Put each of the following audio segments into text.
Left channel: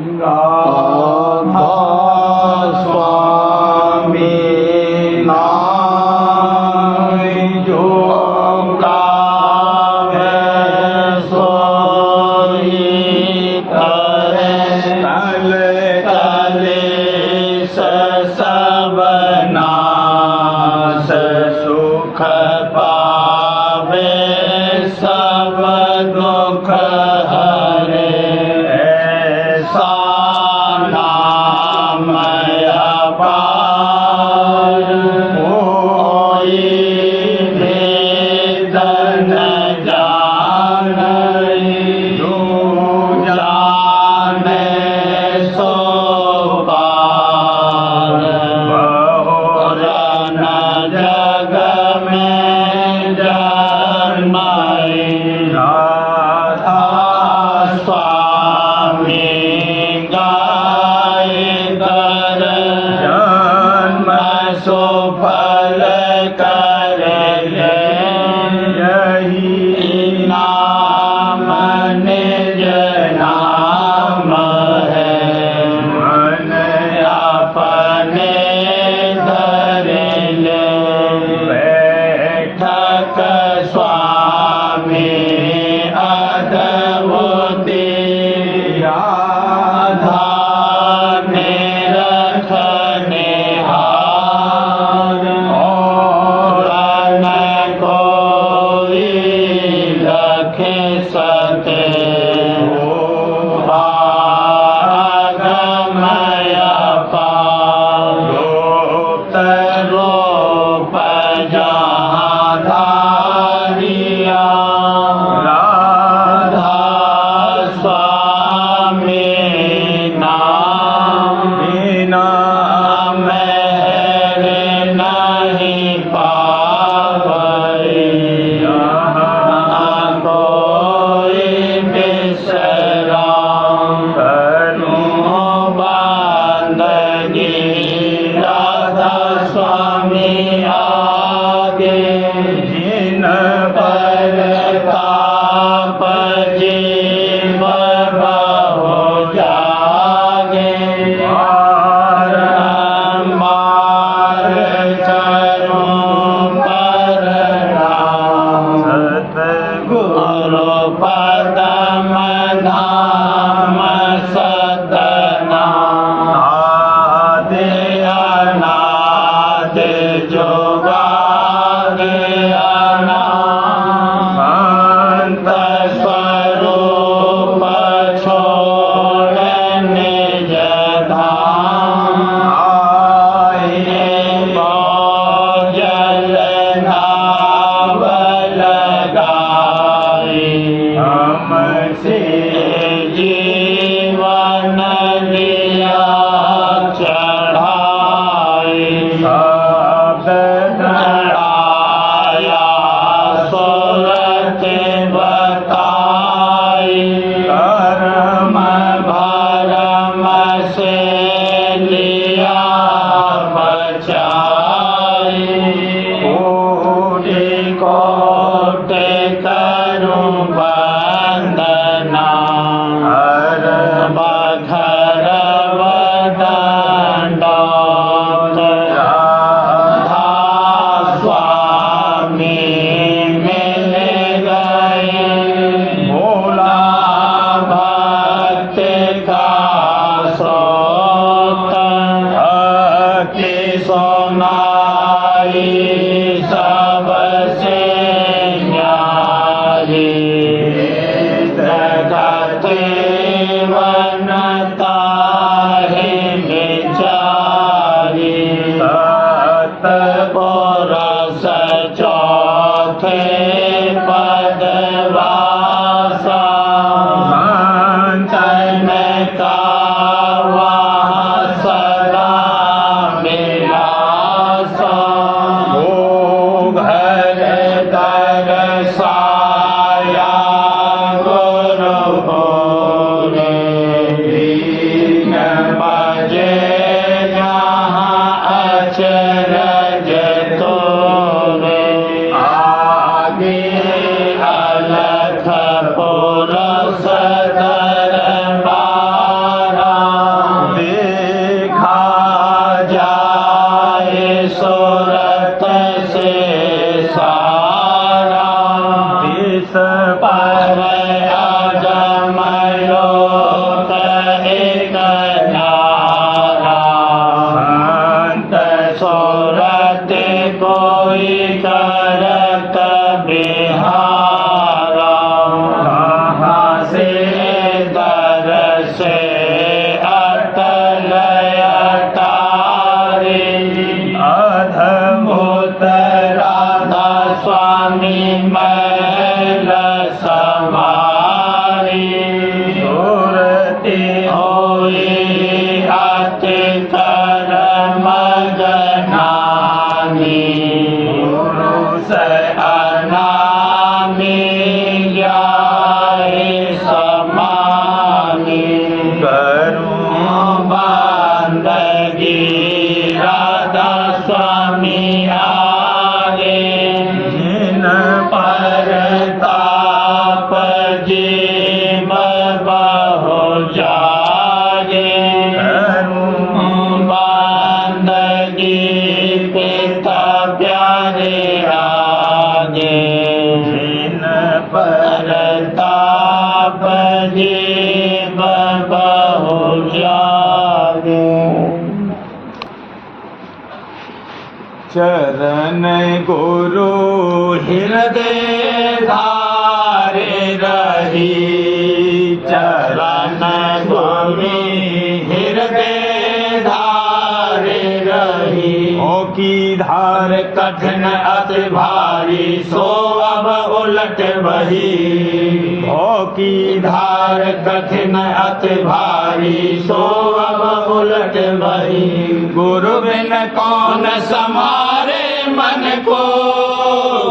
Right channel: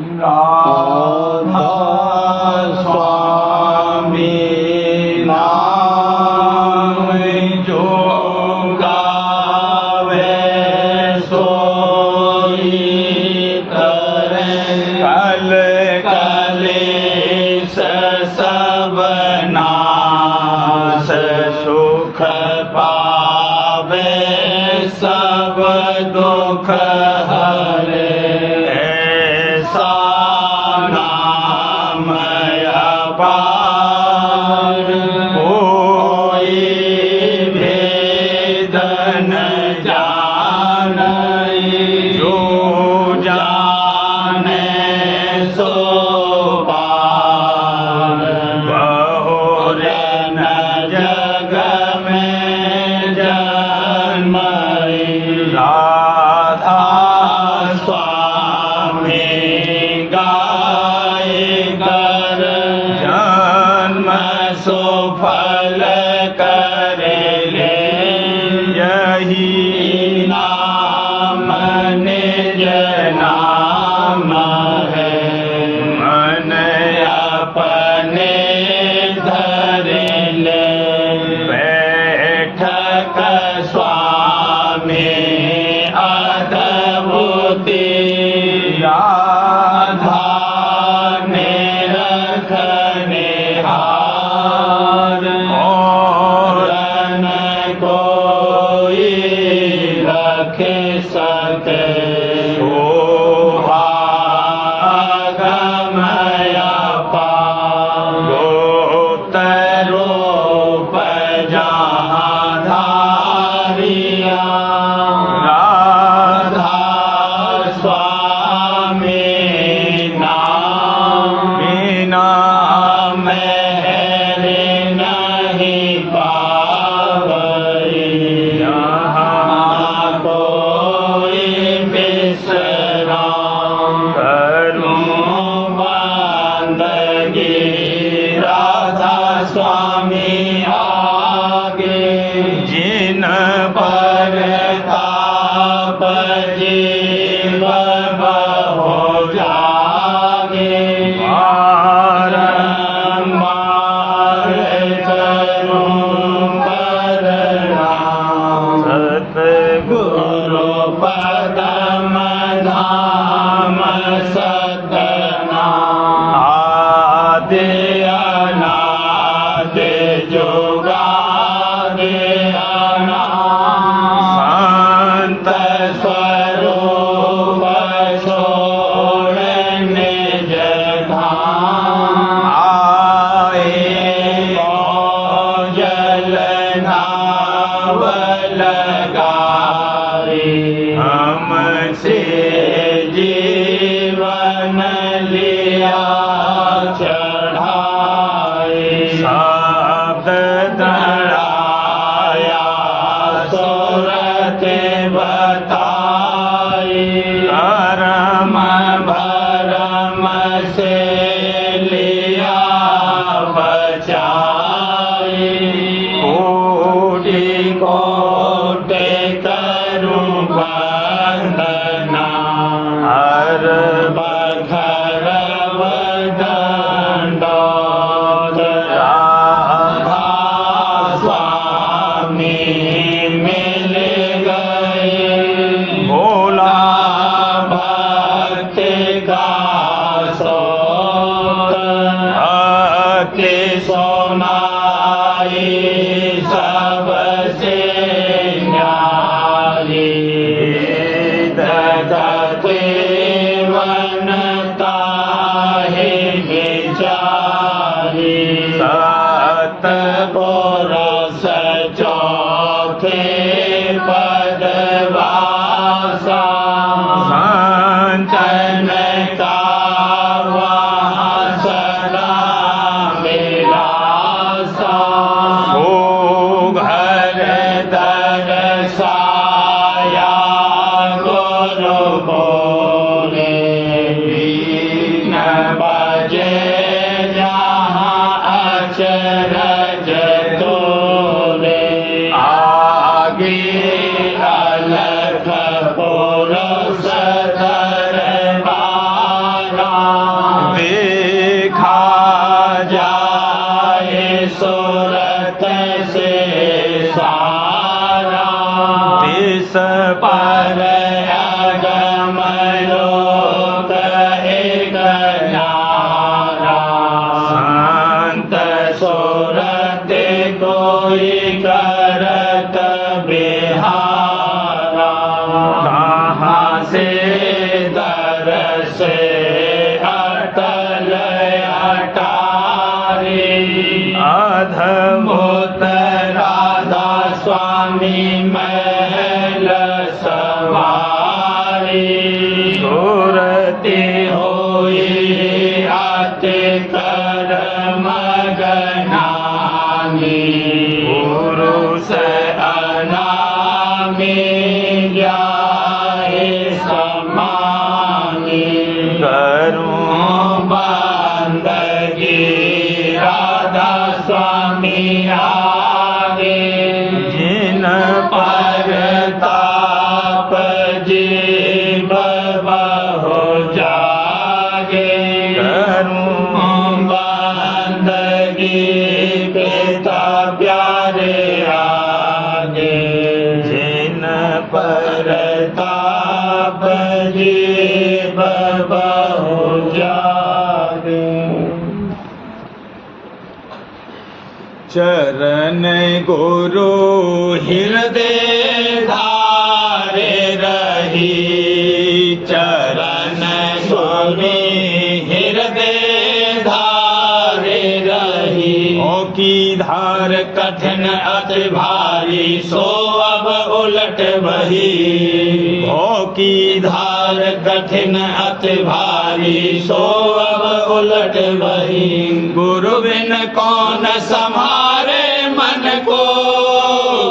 राधा स्वामी नाम जो गावे सोई करे कल कलेश सब नाश सुख पावे सब दुख हरे ऐसा नाम अपार कोई भेद न जाने जो जाने सो पार बहुर न जग में जन्माए राधा स्वामी गाय कर जन्म सुफल कर ले यही नाम निज नाम है मन अपने धर ले बैठक स्वामी अद्भुति राधा में रखने हार और न कोई रखे सके भागमय पार रूप रूप जहाँ धारिया राधा स्वामी नाम बिना मेरे नहीं पावे यहाँ कोई विश्राम करूं बंदगी राधा स्वामी आगे जिन पर ताप जीव बहु जागे बारंबार करूं प्रणाम सतगुरु पदम धाम सदनाम आदि अनादि जुगादि अनाम संत स्वरूप छोड़ निज धाम आए जल नाव लगाए हमसे जीवन लिया चढ़ाए शब्द धराया सुरत बताई परम भरम से लिया बचाई कोटि कोटि करूं वंदना से अटल अटारी अद्भुत राधा स्वामी महल सवारी सुरति होई अति कर्म गनानी पुरुष अनामी जाहि समानी करूं बंदगी राधा स्वामी आगे जिन पर ताप जीव बहु जागे करूं बंदगी पिता प्यारे आगे जिन पर ताप जीव बहु जागे चरण गुरु हृदय धारे रही चरण स्वामी हृदय धारे रही ओ की धार कठिन अति भारी सो अब उलट वही ओ की धार कठिन अति भारी सो अब उलट वही गुरु बिन कौन संभारे मन को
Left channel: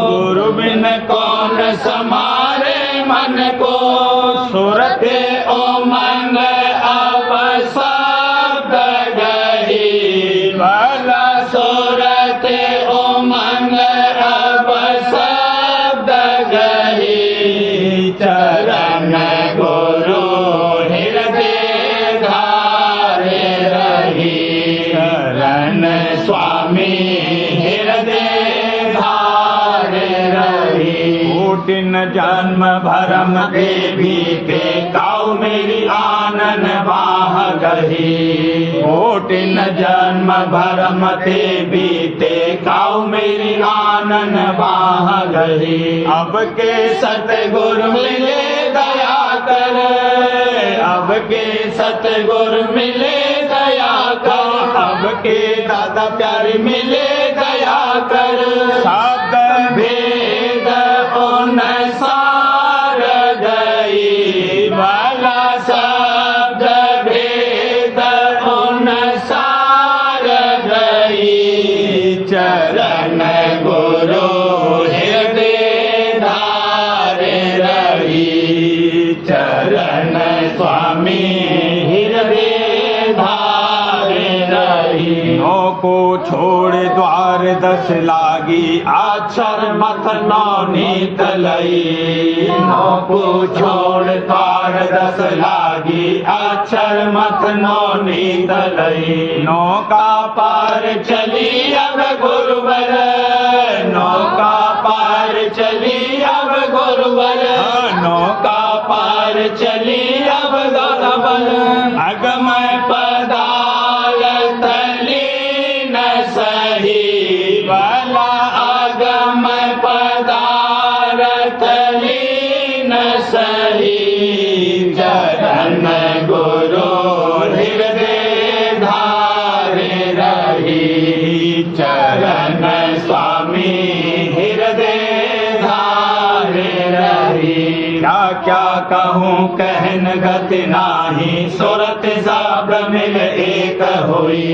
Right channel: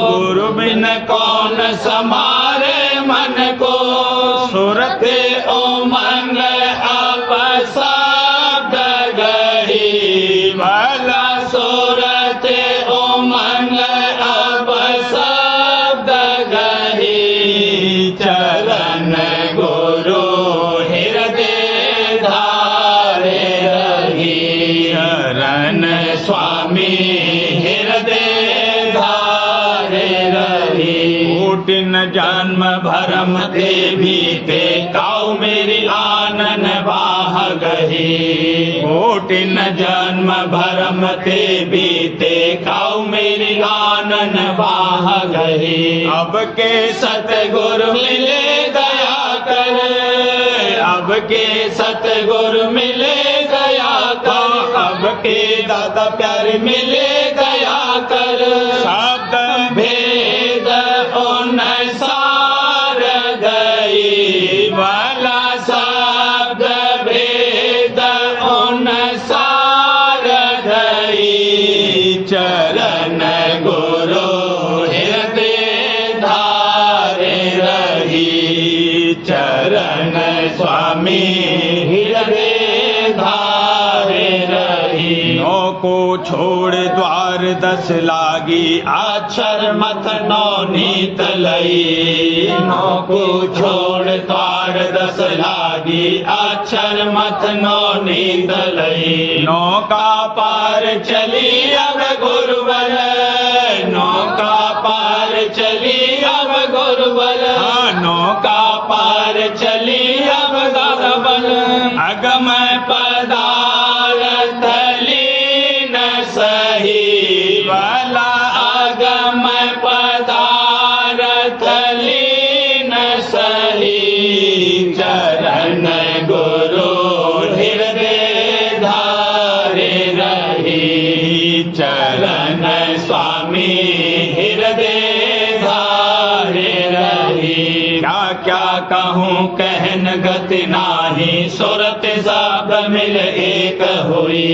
गुरु बिन कौन संभारे मन को सुरत उमंग अब शब्द गही भला सुरत उमंग अब शब्द गही चरण गुरु हृदय धारे रही चरण स्वामी हृदय धारे रही कोटिन जन्म भरम के बीते काऊ मेरी आनन बाह गही कोटिन जन्म भरम के बीते काऊ मेरी आनन बाह गही अब के सतगुरु मिले गया कर अब के सतगुरु मिले गया कर अब के दादा प्यारे मिले गया कर शब्द भेद उन सार गई वाला शब्द भेद उन सार गई चरण गुरु हृदय धारे रही चरण स्वामी हृदय धारे रही नौ को छोड़ द्वार 10 लागी अक्षर मत नौ नीत लई नौ को छोड़ द्वार 10 लागी अक्षर मत नौ नीत लई नौका पार चली अब गुरुबल नौका पार चली अब गुरुबल नौका पार चली अब गुरुबल अगम पदार्थ लीन सही वाला अगम पदार्थ लीन सही चरण गुरु हृदय धारे रही चरण स्वामी हृदय धारे रही क्या क्या कहूँ कहन गति नाही सुरत सब मिल एक हुई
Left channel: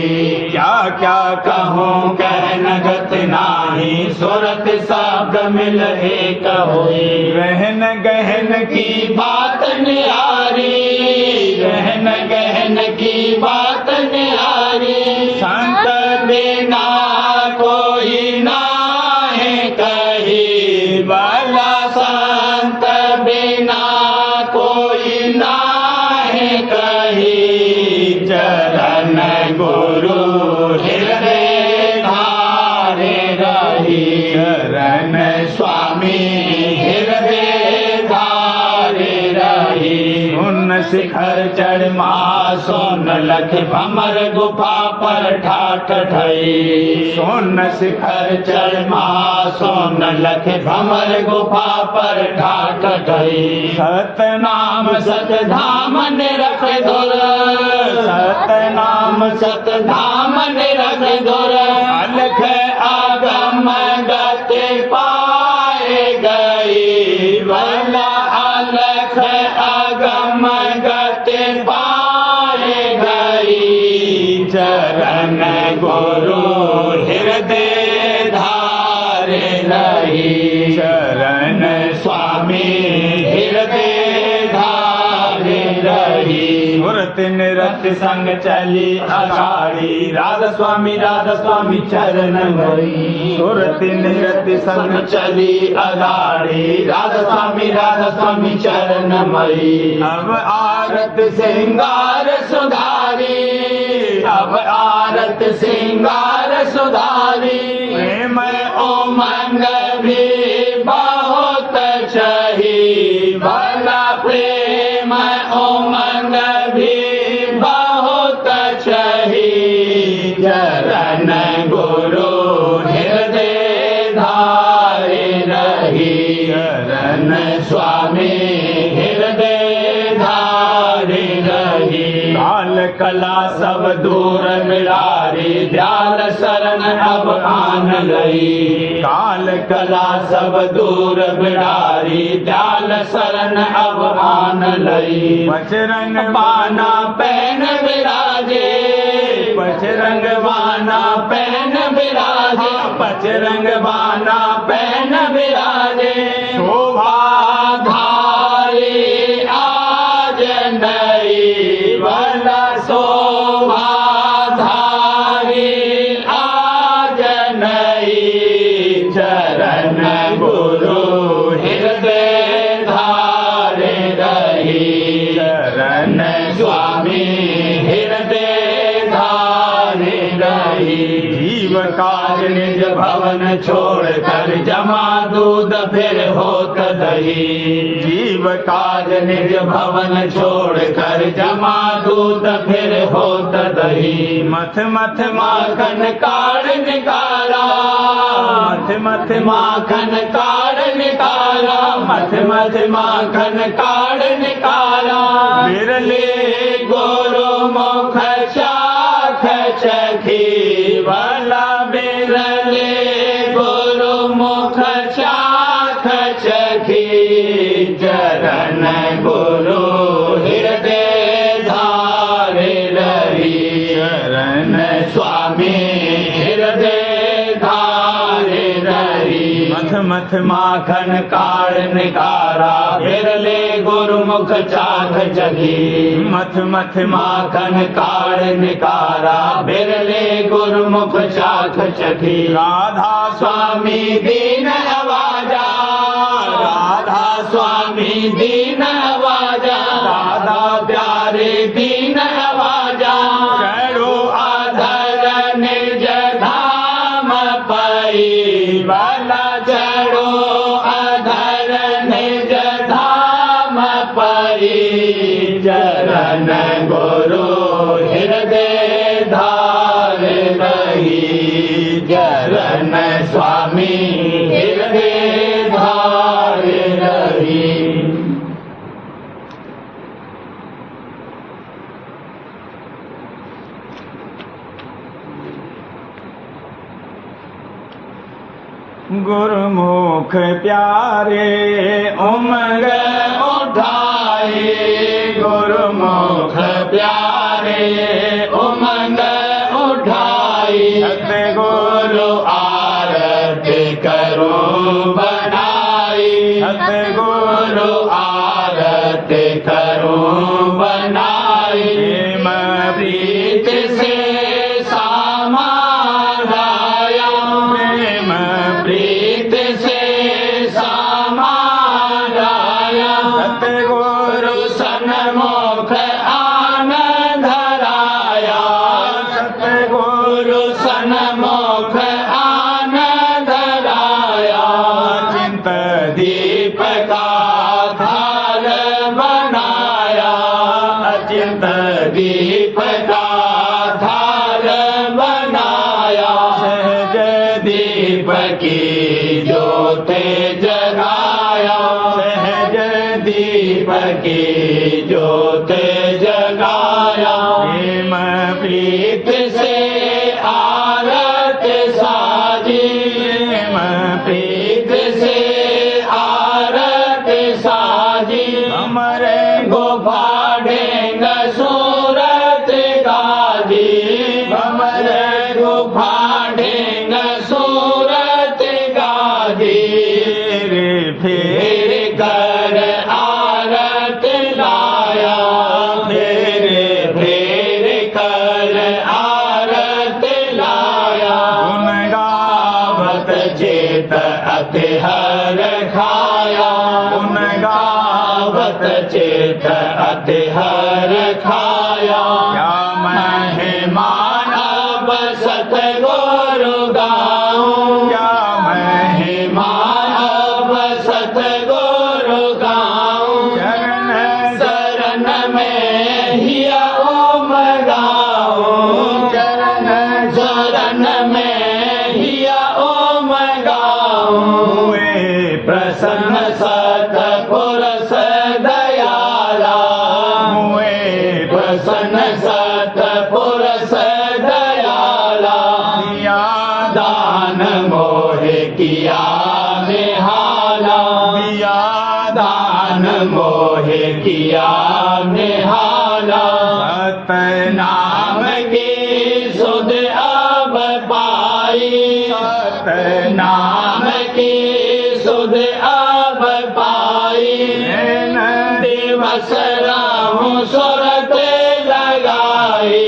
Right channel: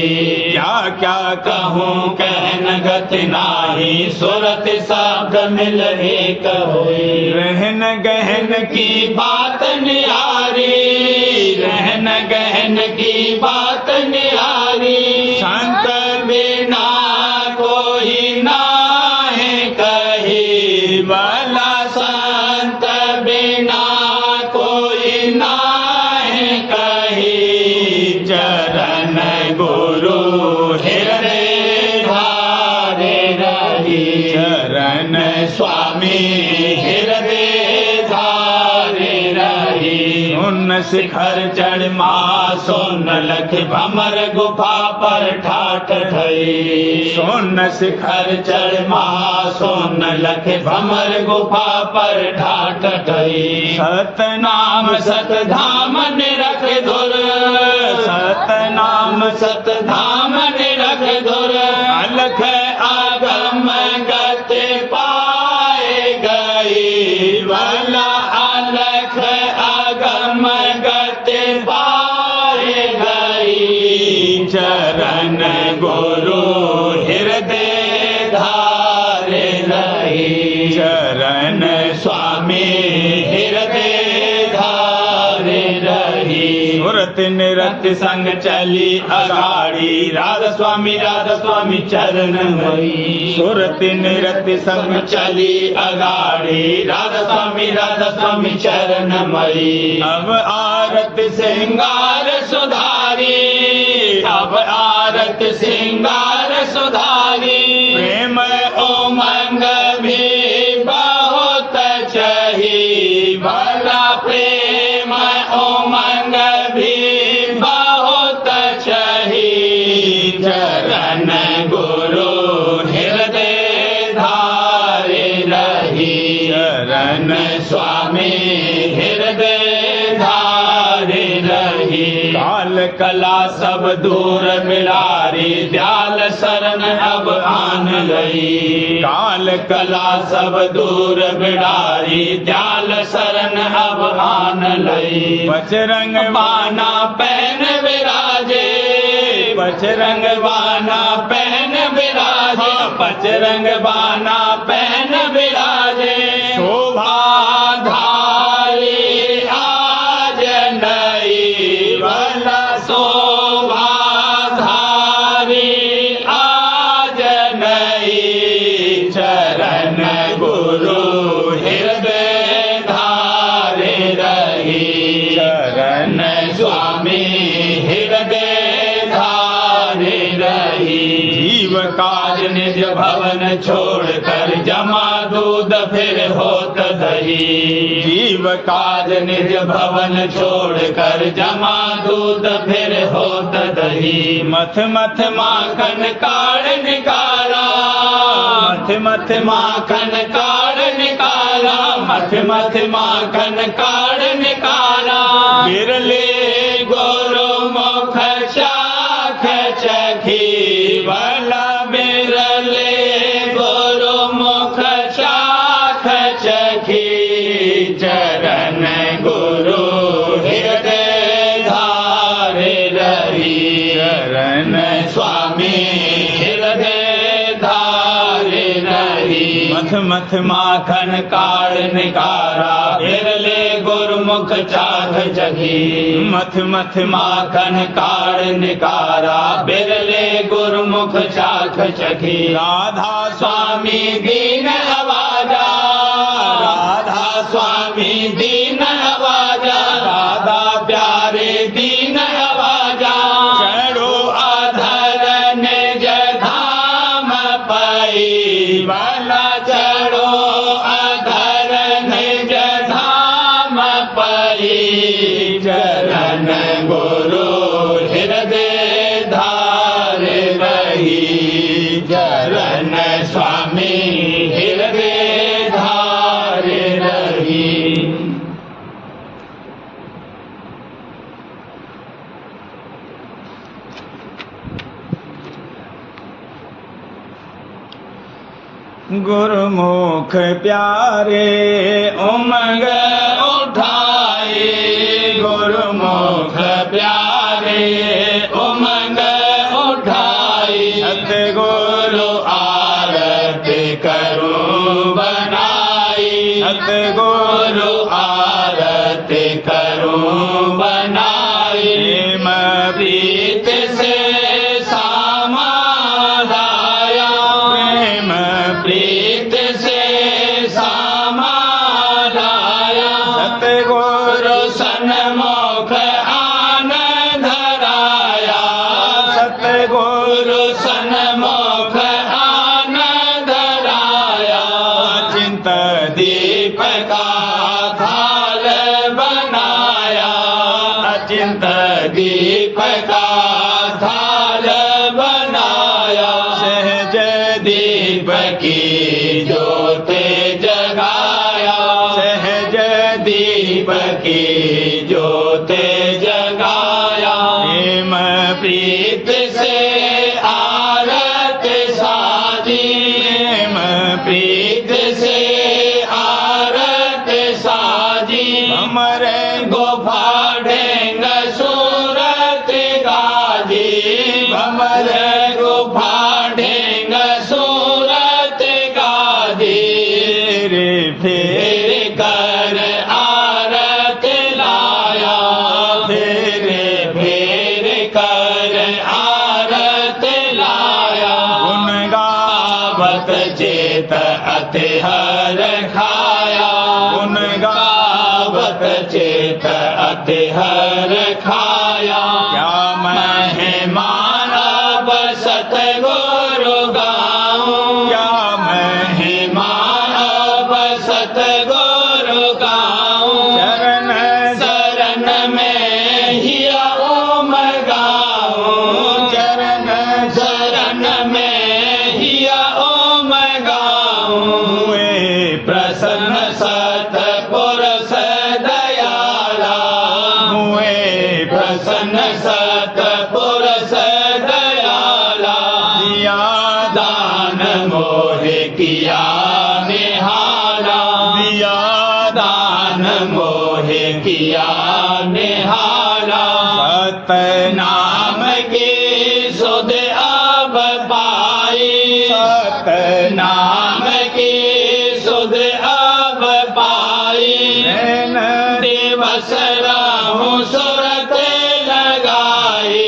क्या क्या कहूँ कहन गति नाही सुरत सब मिल एक हुई रहन गहन की बात न्यारी रहन गहन की बात न्यारी संत बिना कोई नाहीं कही वाला संत बिना कोई नाहीं कही चरण गुरु हृदय धारे रही चरण स्वामी हृदय धारे रही सोन शिखर चढ़ महा सोन लख भमर गुफा पर ठाठ ठई। सोन शिखर चढ़ महा सोन लख भमर गुफा पर ठाठ ठई। सतनाम सतधाम निरख धुर, सतनाम सतधाम निरख धुर। अलख आगम गति पाए गई, भला अलख आगम गति पाए गई। चरण गुरु हृदय धारे नहीं, चरण स्वामी हृदय धारे रही। सुरत निरत संग चली अगाड़ी, राधा स्वामी चरण मई। सुरत निरत संग चली अगाड़ी, राधा स्वामी चरण मई। अब आरत सिंगार सुधारी, अब आरत सिंगार सुधारी। प्रेम उमंग भी बहुत चही, भला प्रेम उमंग भी बहुत चही। चरण गुरु हृदय धारे रही, चरण स्वामी हृदय धारे रही। काल कला सब दूर बिलारी, दयाल शरण अब आन लई। काल कला सब दूर बिलारी, दयाल शरण अब आन लई। बजरंग बाना पहन विराजे, बजरंग बाना पहन विराजे। बजरंग बाना पहन विराजे। शोभा धारी आज नई, भला शोभा धारी आज नई। चरण गुरु हृदय धारे रही, चरण स्वामी हृदय धारे रही। जीव काज निज भवन छोड़ कर, जमा दूध फिर होत दही। जीव काज निज भवन छोड़ कर, जमा दूध फिर होत दही। मथ मथ माखन काढ़ निकाला, मथ मथ माखन काढ़ निकाला। मथ मथ माखन काढ़ निकाला। बिरले गुरु मुख चाख चखी, भला बिरले गुरु मुख चाख चखी। चरण गुरु हृदय धारे रही, चरण स्वामी हृदय धारे रही। मथ मथ माखन काढ़ निकारा, बिरले गुरुमुख चाख चखी। मथ मथ माखन काढ़ निकारा, बिरले गुरुमुख चाख चखी। राधा स्वामी दीन आवाजा, राधा स्वामी दीन आवाजा। राधा प्यारे दीन आवाजा। चढ़ो अधर निज धाम पाई, भला चढ़ो अधर निज धाम पाई। चरण गुरु हृदय धारे रही, चरण स्वामी हृदय धारे रही। गुरुमुख प्यारे उमंग उठाए, गुरुमुख प्यारे उमंग उठाए। सतगुरु आरती करूं बनाई, सतगुरु आरती करूं बनाई। प्रेम प्रीत से सामा लाया, प्रेम प्रीत से सामा लाया। सतगुरु सन्मुख आन धराया, सतगुरु सन्मुख आन धराया। चिंत दीप का थाल बनाया, चिंत दीप का थाल बनाया, सहज दीप की ज्योत जगाया, सहज दीप की ज्योत जगाया। प्रेम प्रीत से आरत साजी, प्रेम प्रीत से आरत साजी। हमरे गुफा ढेंग सूरत गाजी, हमरे गुफा ढेंग सूरत गाजी। फेर कर आरत लाया, फेर कर आरत लाया। गुण गावत चेत अति हर खाया, गुण गावत चेत अति हर खाया। क्या महिमान अब सतगुरु गाऊं, क्या महिमान अब सतगुरु गाऊं। चरण शरण में हिया ओम गाऊं, चरण शरण में हिया ओम गाऊं। हुए प्रसन्न सतपुरुष दयाला, हुए प्रसन्न सतपुरुष दयाला। दिया दान मोहे किया निहाला, दिया दान मोहे किया निहाला। सतनाम की सुध अब पाई, सतनाम की सुध अब पाई। नैन दिवस राहु सुरत लगाई,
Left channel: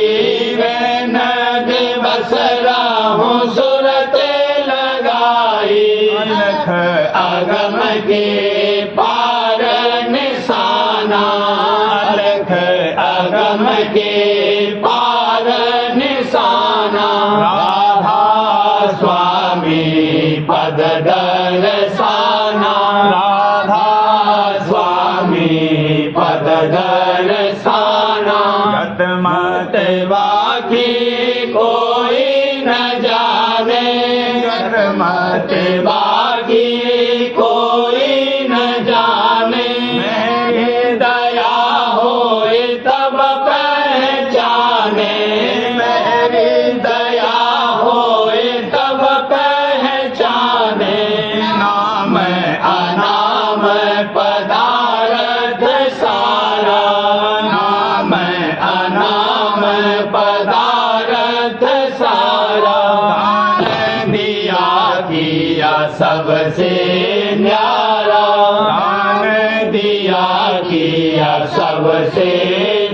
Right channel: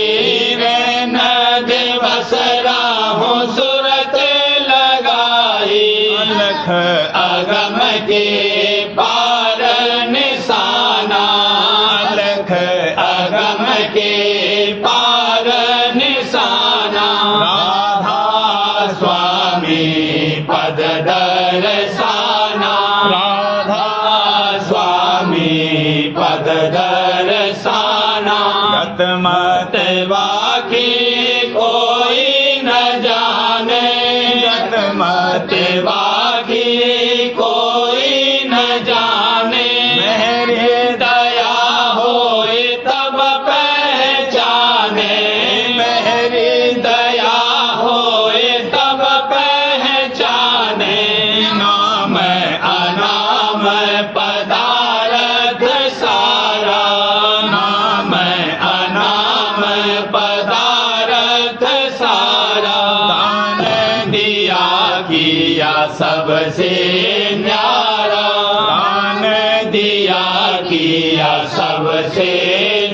नैन दिवस राहु सुरत लगाई। अलख अगम के पार निशाना, अलख अगम के पार निशाना। राधा स्वामी पद दर्शाना, राधा स्वामी पद दर्शाना। गत मत बाकी कोई न जाने, गत मत बाकी कोई न जाने। मेरी दया होए तब पहचाने, मेरी दया होए तब पहचाने। नाम अनाम पदार्थ सारा, नाम अनाम पदार्थ सारा। दान दिया किया सबसे न्यारा, दान दिया किया सबसे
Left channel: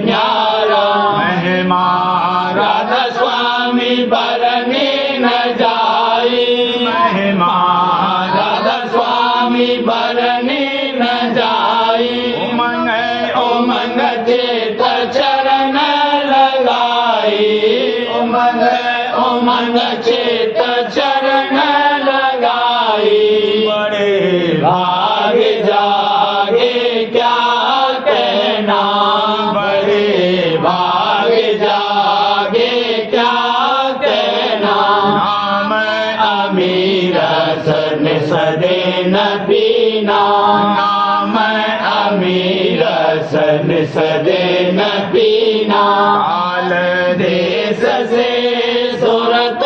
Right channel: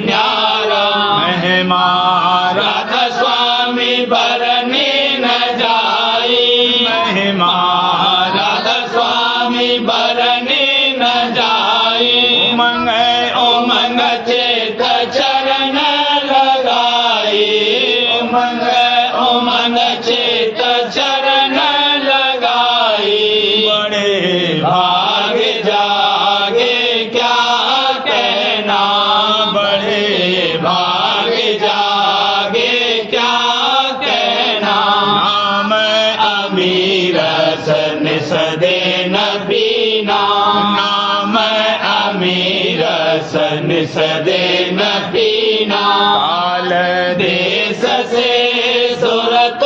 न्यारा। महिमा राधा स्वामी बरनी न जाई, महिमा राधा स्वामी बरनी न जाई। उमंग उमंग चेत चरण लगाई, उमंग उमंग चेत चरण लगाई। बड़े भाग जागे क्या कहना, बड़े भाग जागे क्या कहना। नाम अमीर सन सदे न पीना, नाम अमीर सन सदे न पीना। काल देश से सूरत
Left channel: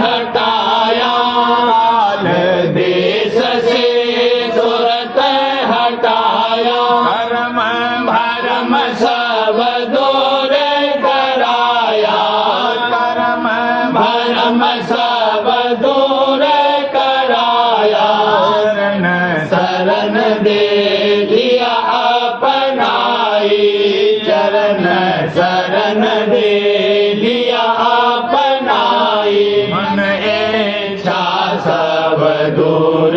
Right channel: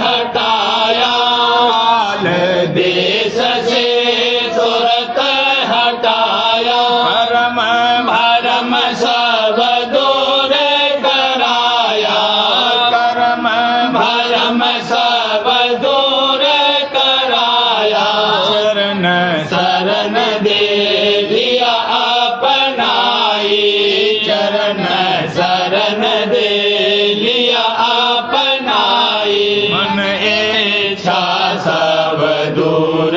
हटाया, काल देश से सूरत हटाया। भरम भरम सब दूर कराया, करम भरम सब दूर कराया। शरण शरण दे लिया अपनाई, चरण शरण दे लिया अपनाई। मन इच्छा सब दूर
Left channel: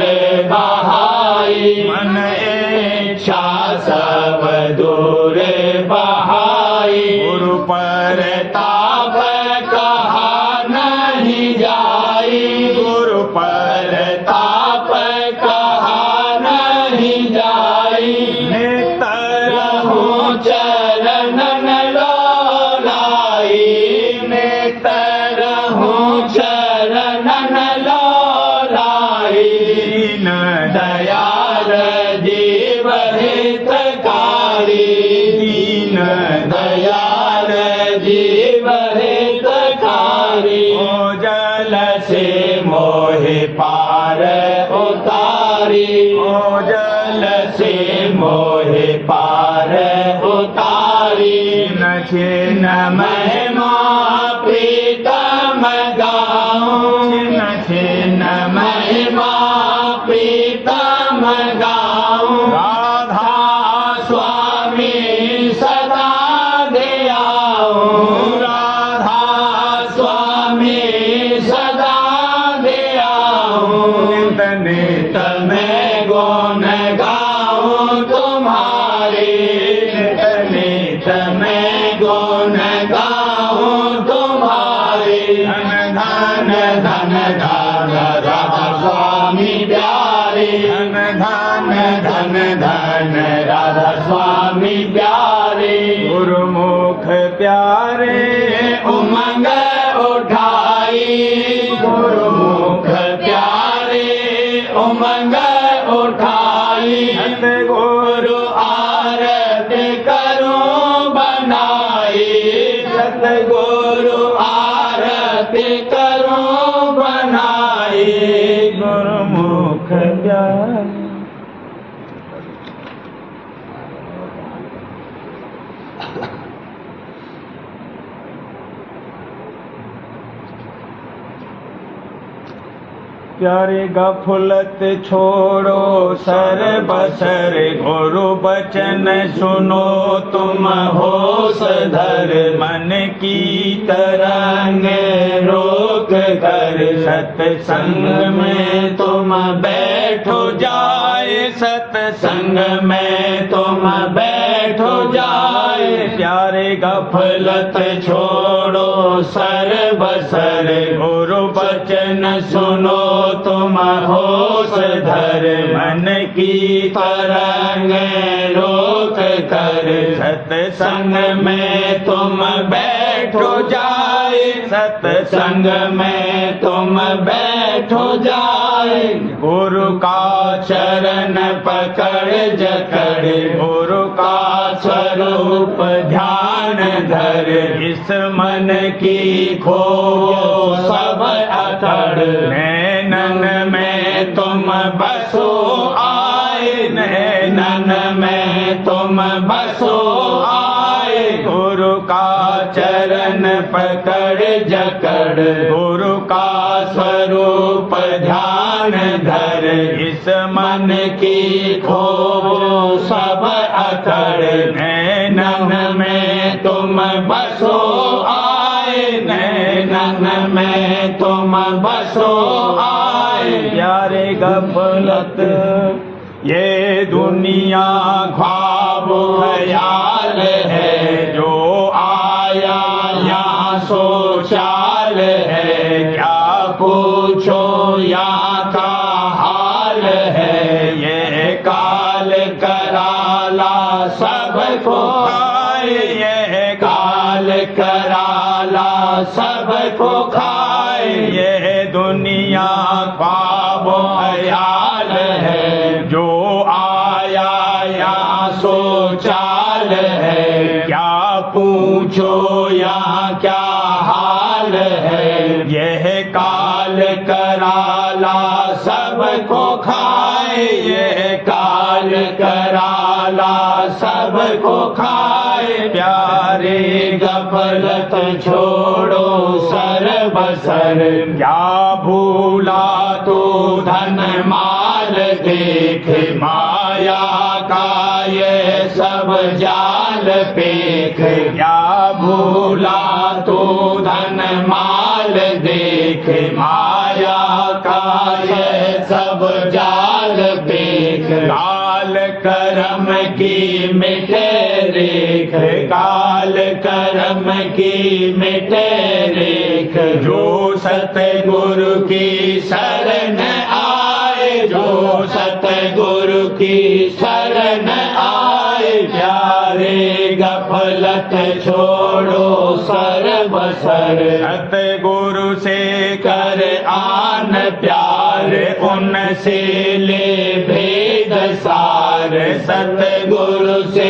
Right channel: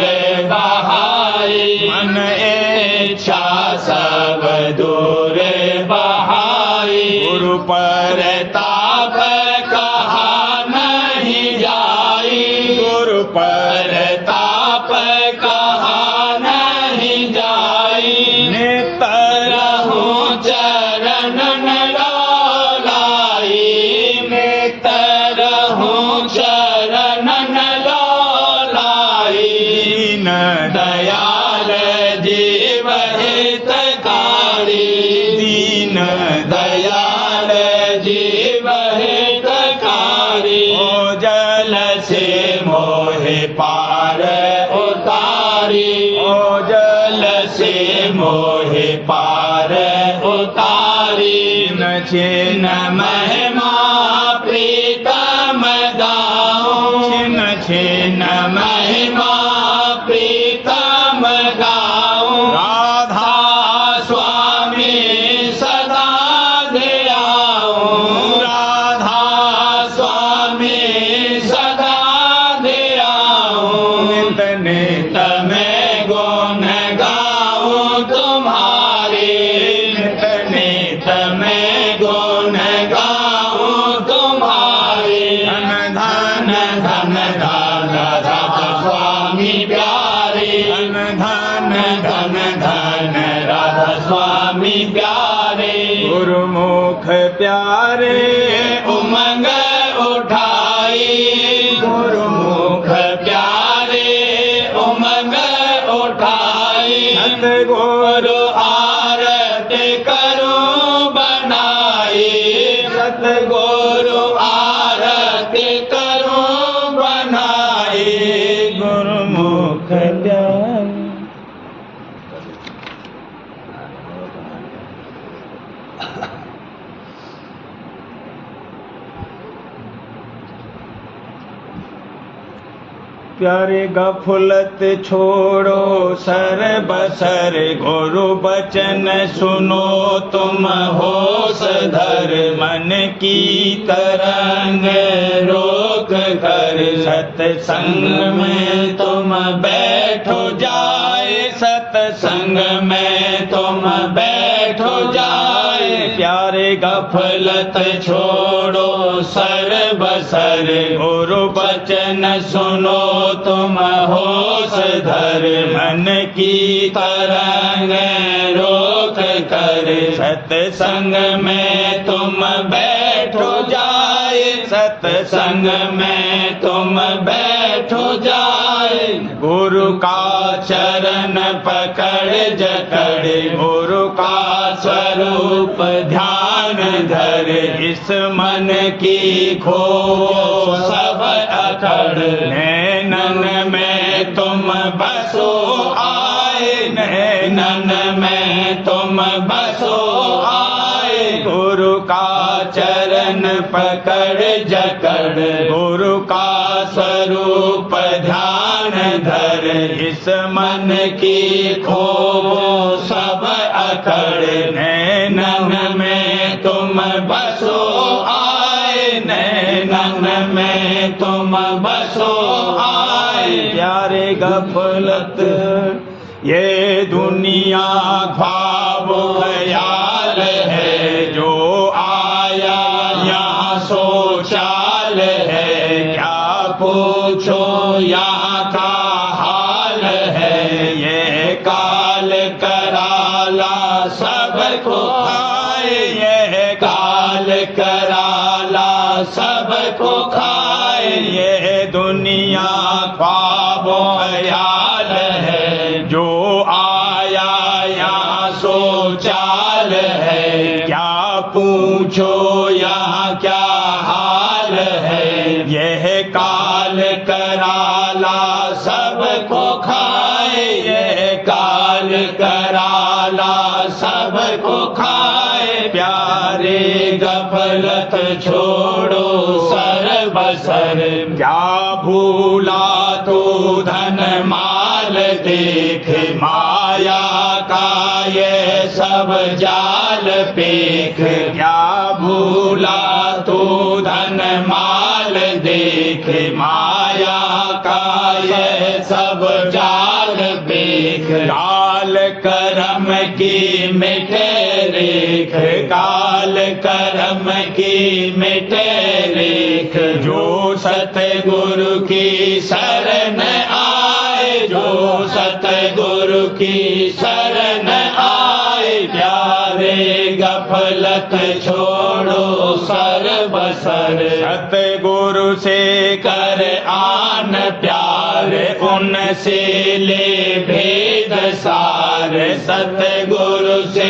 बहाई, मन इच्छा सब दूर बहाई। गुरु पर ताप कहा नहीं जाई, गुरु पर ताप कहा नहीं जाई। नित रहूं चरणन दयाल जीव हितकारी। ओ जल से मोहे पार उतारी। ओ जल से मोहे पार उतारी। छिन महिमा प्रीतम गाऊं। छिन महिमा प्रीतम गाऊं। राधा स्वामी सदा ध्याऊं। राधा स्वामी सदा ध्याऊं। नित नित मैं गुण गाऊं तुम्हारे। नित नित मैं गुण गाऊं तुम्हारे। धन धन धन राधा राधा स्वामी प्यारे। धन धन धन धन राधा स्वामी प्यारे। गुरुमुख प्यारे उमंग उठाई। गुरुमुख प्यारे उमंग उठाई। सतगुरु आरती करूं बनाई। सतगुरु आरती करूं बनाई। गुरुमुख प्यारे। प्यारे गफलत छोड़ो सर बसर। गुरु बचन सुनो तुम होश धर। मन की तरंग रोक कर। सत्संग में तुम बैठो जाए। सत्संग में तुम बैठो जाए। प्यारे गफलत छोड़ो सर बसर। गुरु बचन सुनो तुम होश धर। मन की तरंग रोक कर। सत्संग में तुम बैठो जाए। सत्संग में तुम बैठो जाए। गुरु का चरण पकड़ जकड़। गुरु का स्वरूप ध्यान धर। इस मन की खो सब अकड़। नैनन में तुम बसो आए। नैनन में तुम बसो आए। गुरु का चरण पकड़ जकड़। गुरु का स्वरूप ध्यान धर। इस मन की खो सब अकड़। नैनन में तुम बसो आए। नैनन में तुम बसो आए। प्यारे गफलत ये दुनिया ख्वाब ख्याल है। जो आया यहाँ सो चाल है। क्या पूछो यहाँ का हाल है। ये काल कराला सबको खाए। ये काल कराला सबको खाए। ये दुनिया ख्वाब ख्याल है। जो आया यहाँ सो चाल है। क्या पूछो यहाँ क्या हाल है। यह काल कराला सबको खाए। यह काल कराला सबको खाए। प्यारे गफलत छोड़ो सर बसर। क्या भूला तो धन माल देख। माया का ये सब जाल पेख। क्या भूला तो धन माल देख। माया का ये सब जाल पेख। काल कर्म की मिटे रेख। काल कर्म की मिटे रेख। जो सतगुरु की शरण आए। जो सतगुरु की शरण आए। प्यारे गफलत छोड़ो सर बसर। सतगुरु से कर आन प्यार। उनसे ले भेद सार, सतगुरु से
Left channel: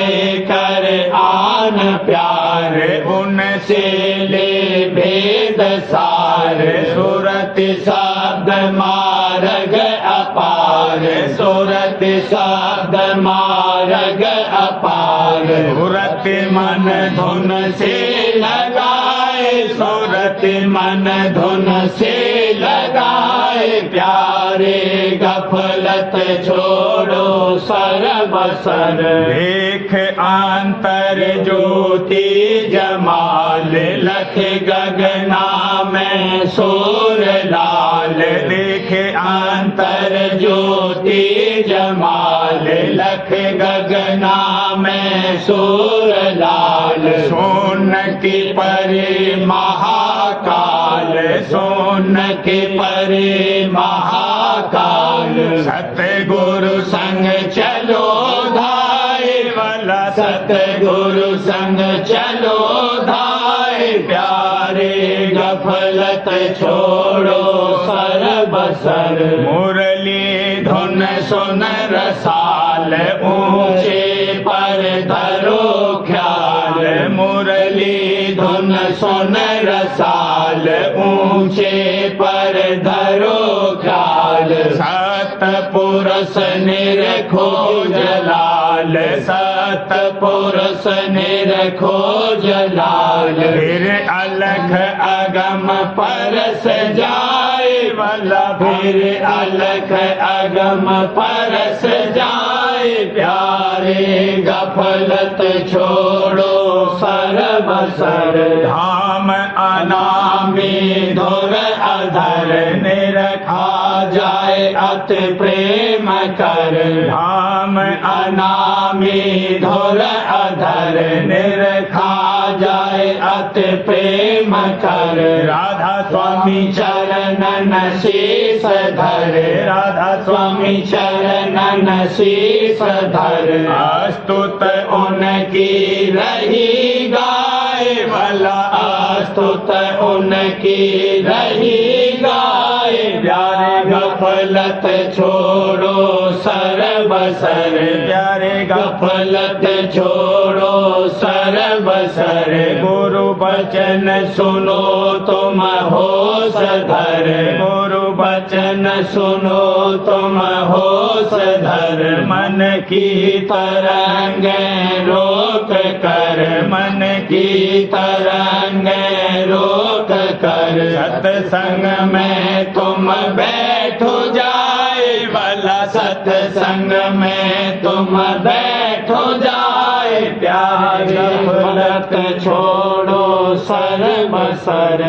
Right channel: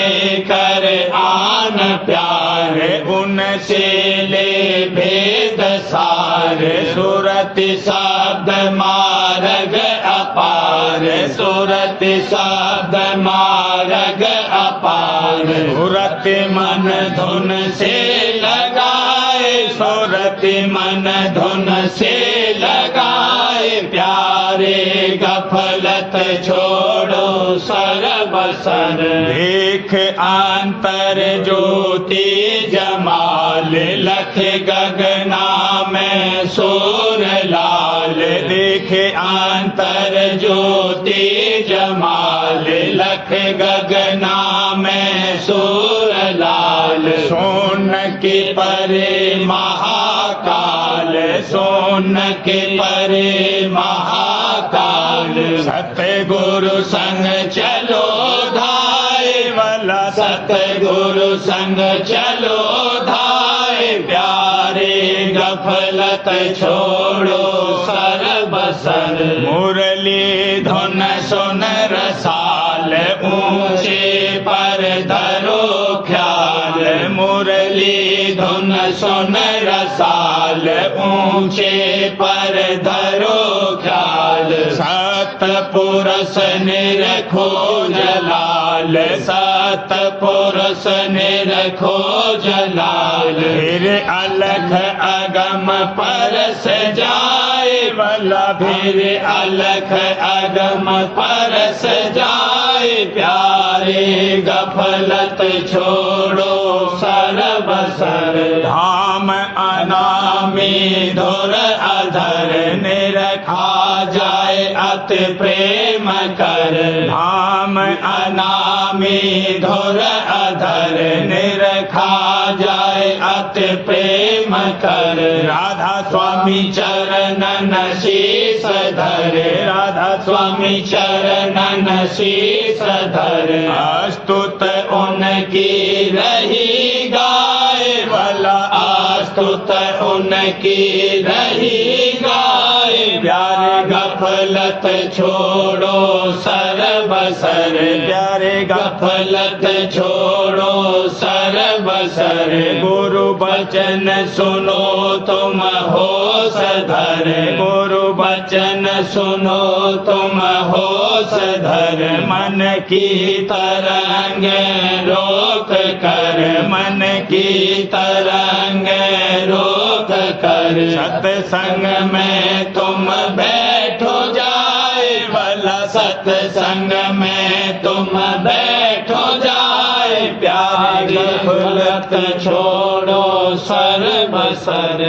कर आन प्यार, उनसे ले भेद सार, सुरति शब्द मार्ग अपार, सुरति शब्द मार्ग अपार, सुरति मन धुन से लगाए, सुरति मन धुन से लगाए, प्यारे गफलत छोड़ो सर्वसर, देख अंतर ज्योति जमाल, लख गगना में सूर लाल, देखे अंतर ज्योति जमाल, लख गगना में सूर लाल, सोन की परे महाकाल, सोन की परे महाकाल, सतगुरु संग चलो धाय वाला, सतगुरु संग चलो धाय, प्यारे गफलत छोड़ो सर्वसर, मुरली धुन सुन रसाल, ऊंचे पर धरो ख्याल, मुरली धुन सुन रसाल, ऊंचे पर धरो ख्याल, सतपुरुष निरखो जलाल, सतपुरुष निरखो जलाल, फिर अलख अगम परस जाए वाला, फिर अलख अगम परस जाए, प्यारे गफलत छोड़ो सर्वसर, धाम अनामी धुर अधर, निरखा जाए अति प्रेम कर, धाम अनामी धुर अधर, निरखा जाए अति प्रेम कर, राधा स्वामी चरणन शीस धर, राधा स्वामी चरणन शीस धर, अस्तुत उनकी रही गाए वाला, अस्तुत उनकी रही गाए, प्यारे गफलत छोड़ो सर्वसर, प्यारे गफलत छोड़ो सर्वसर, गुरु वचन सुनो तुम होश धर, गुरु वचन सुनो तुम होश धर, मन की तरंगे रोक कर, मन की तरंगे रोक कर, सत्संग में तुम बैठो जाए वाला, सत्संग में तुम बैठो जाए, प्यारे गफलत छोड़ो सर्वसर,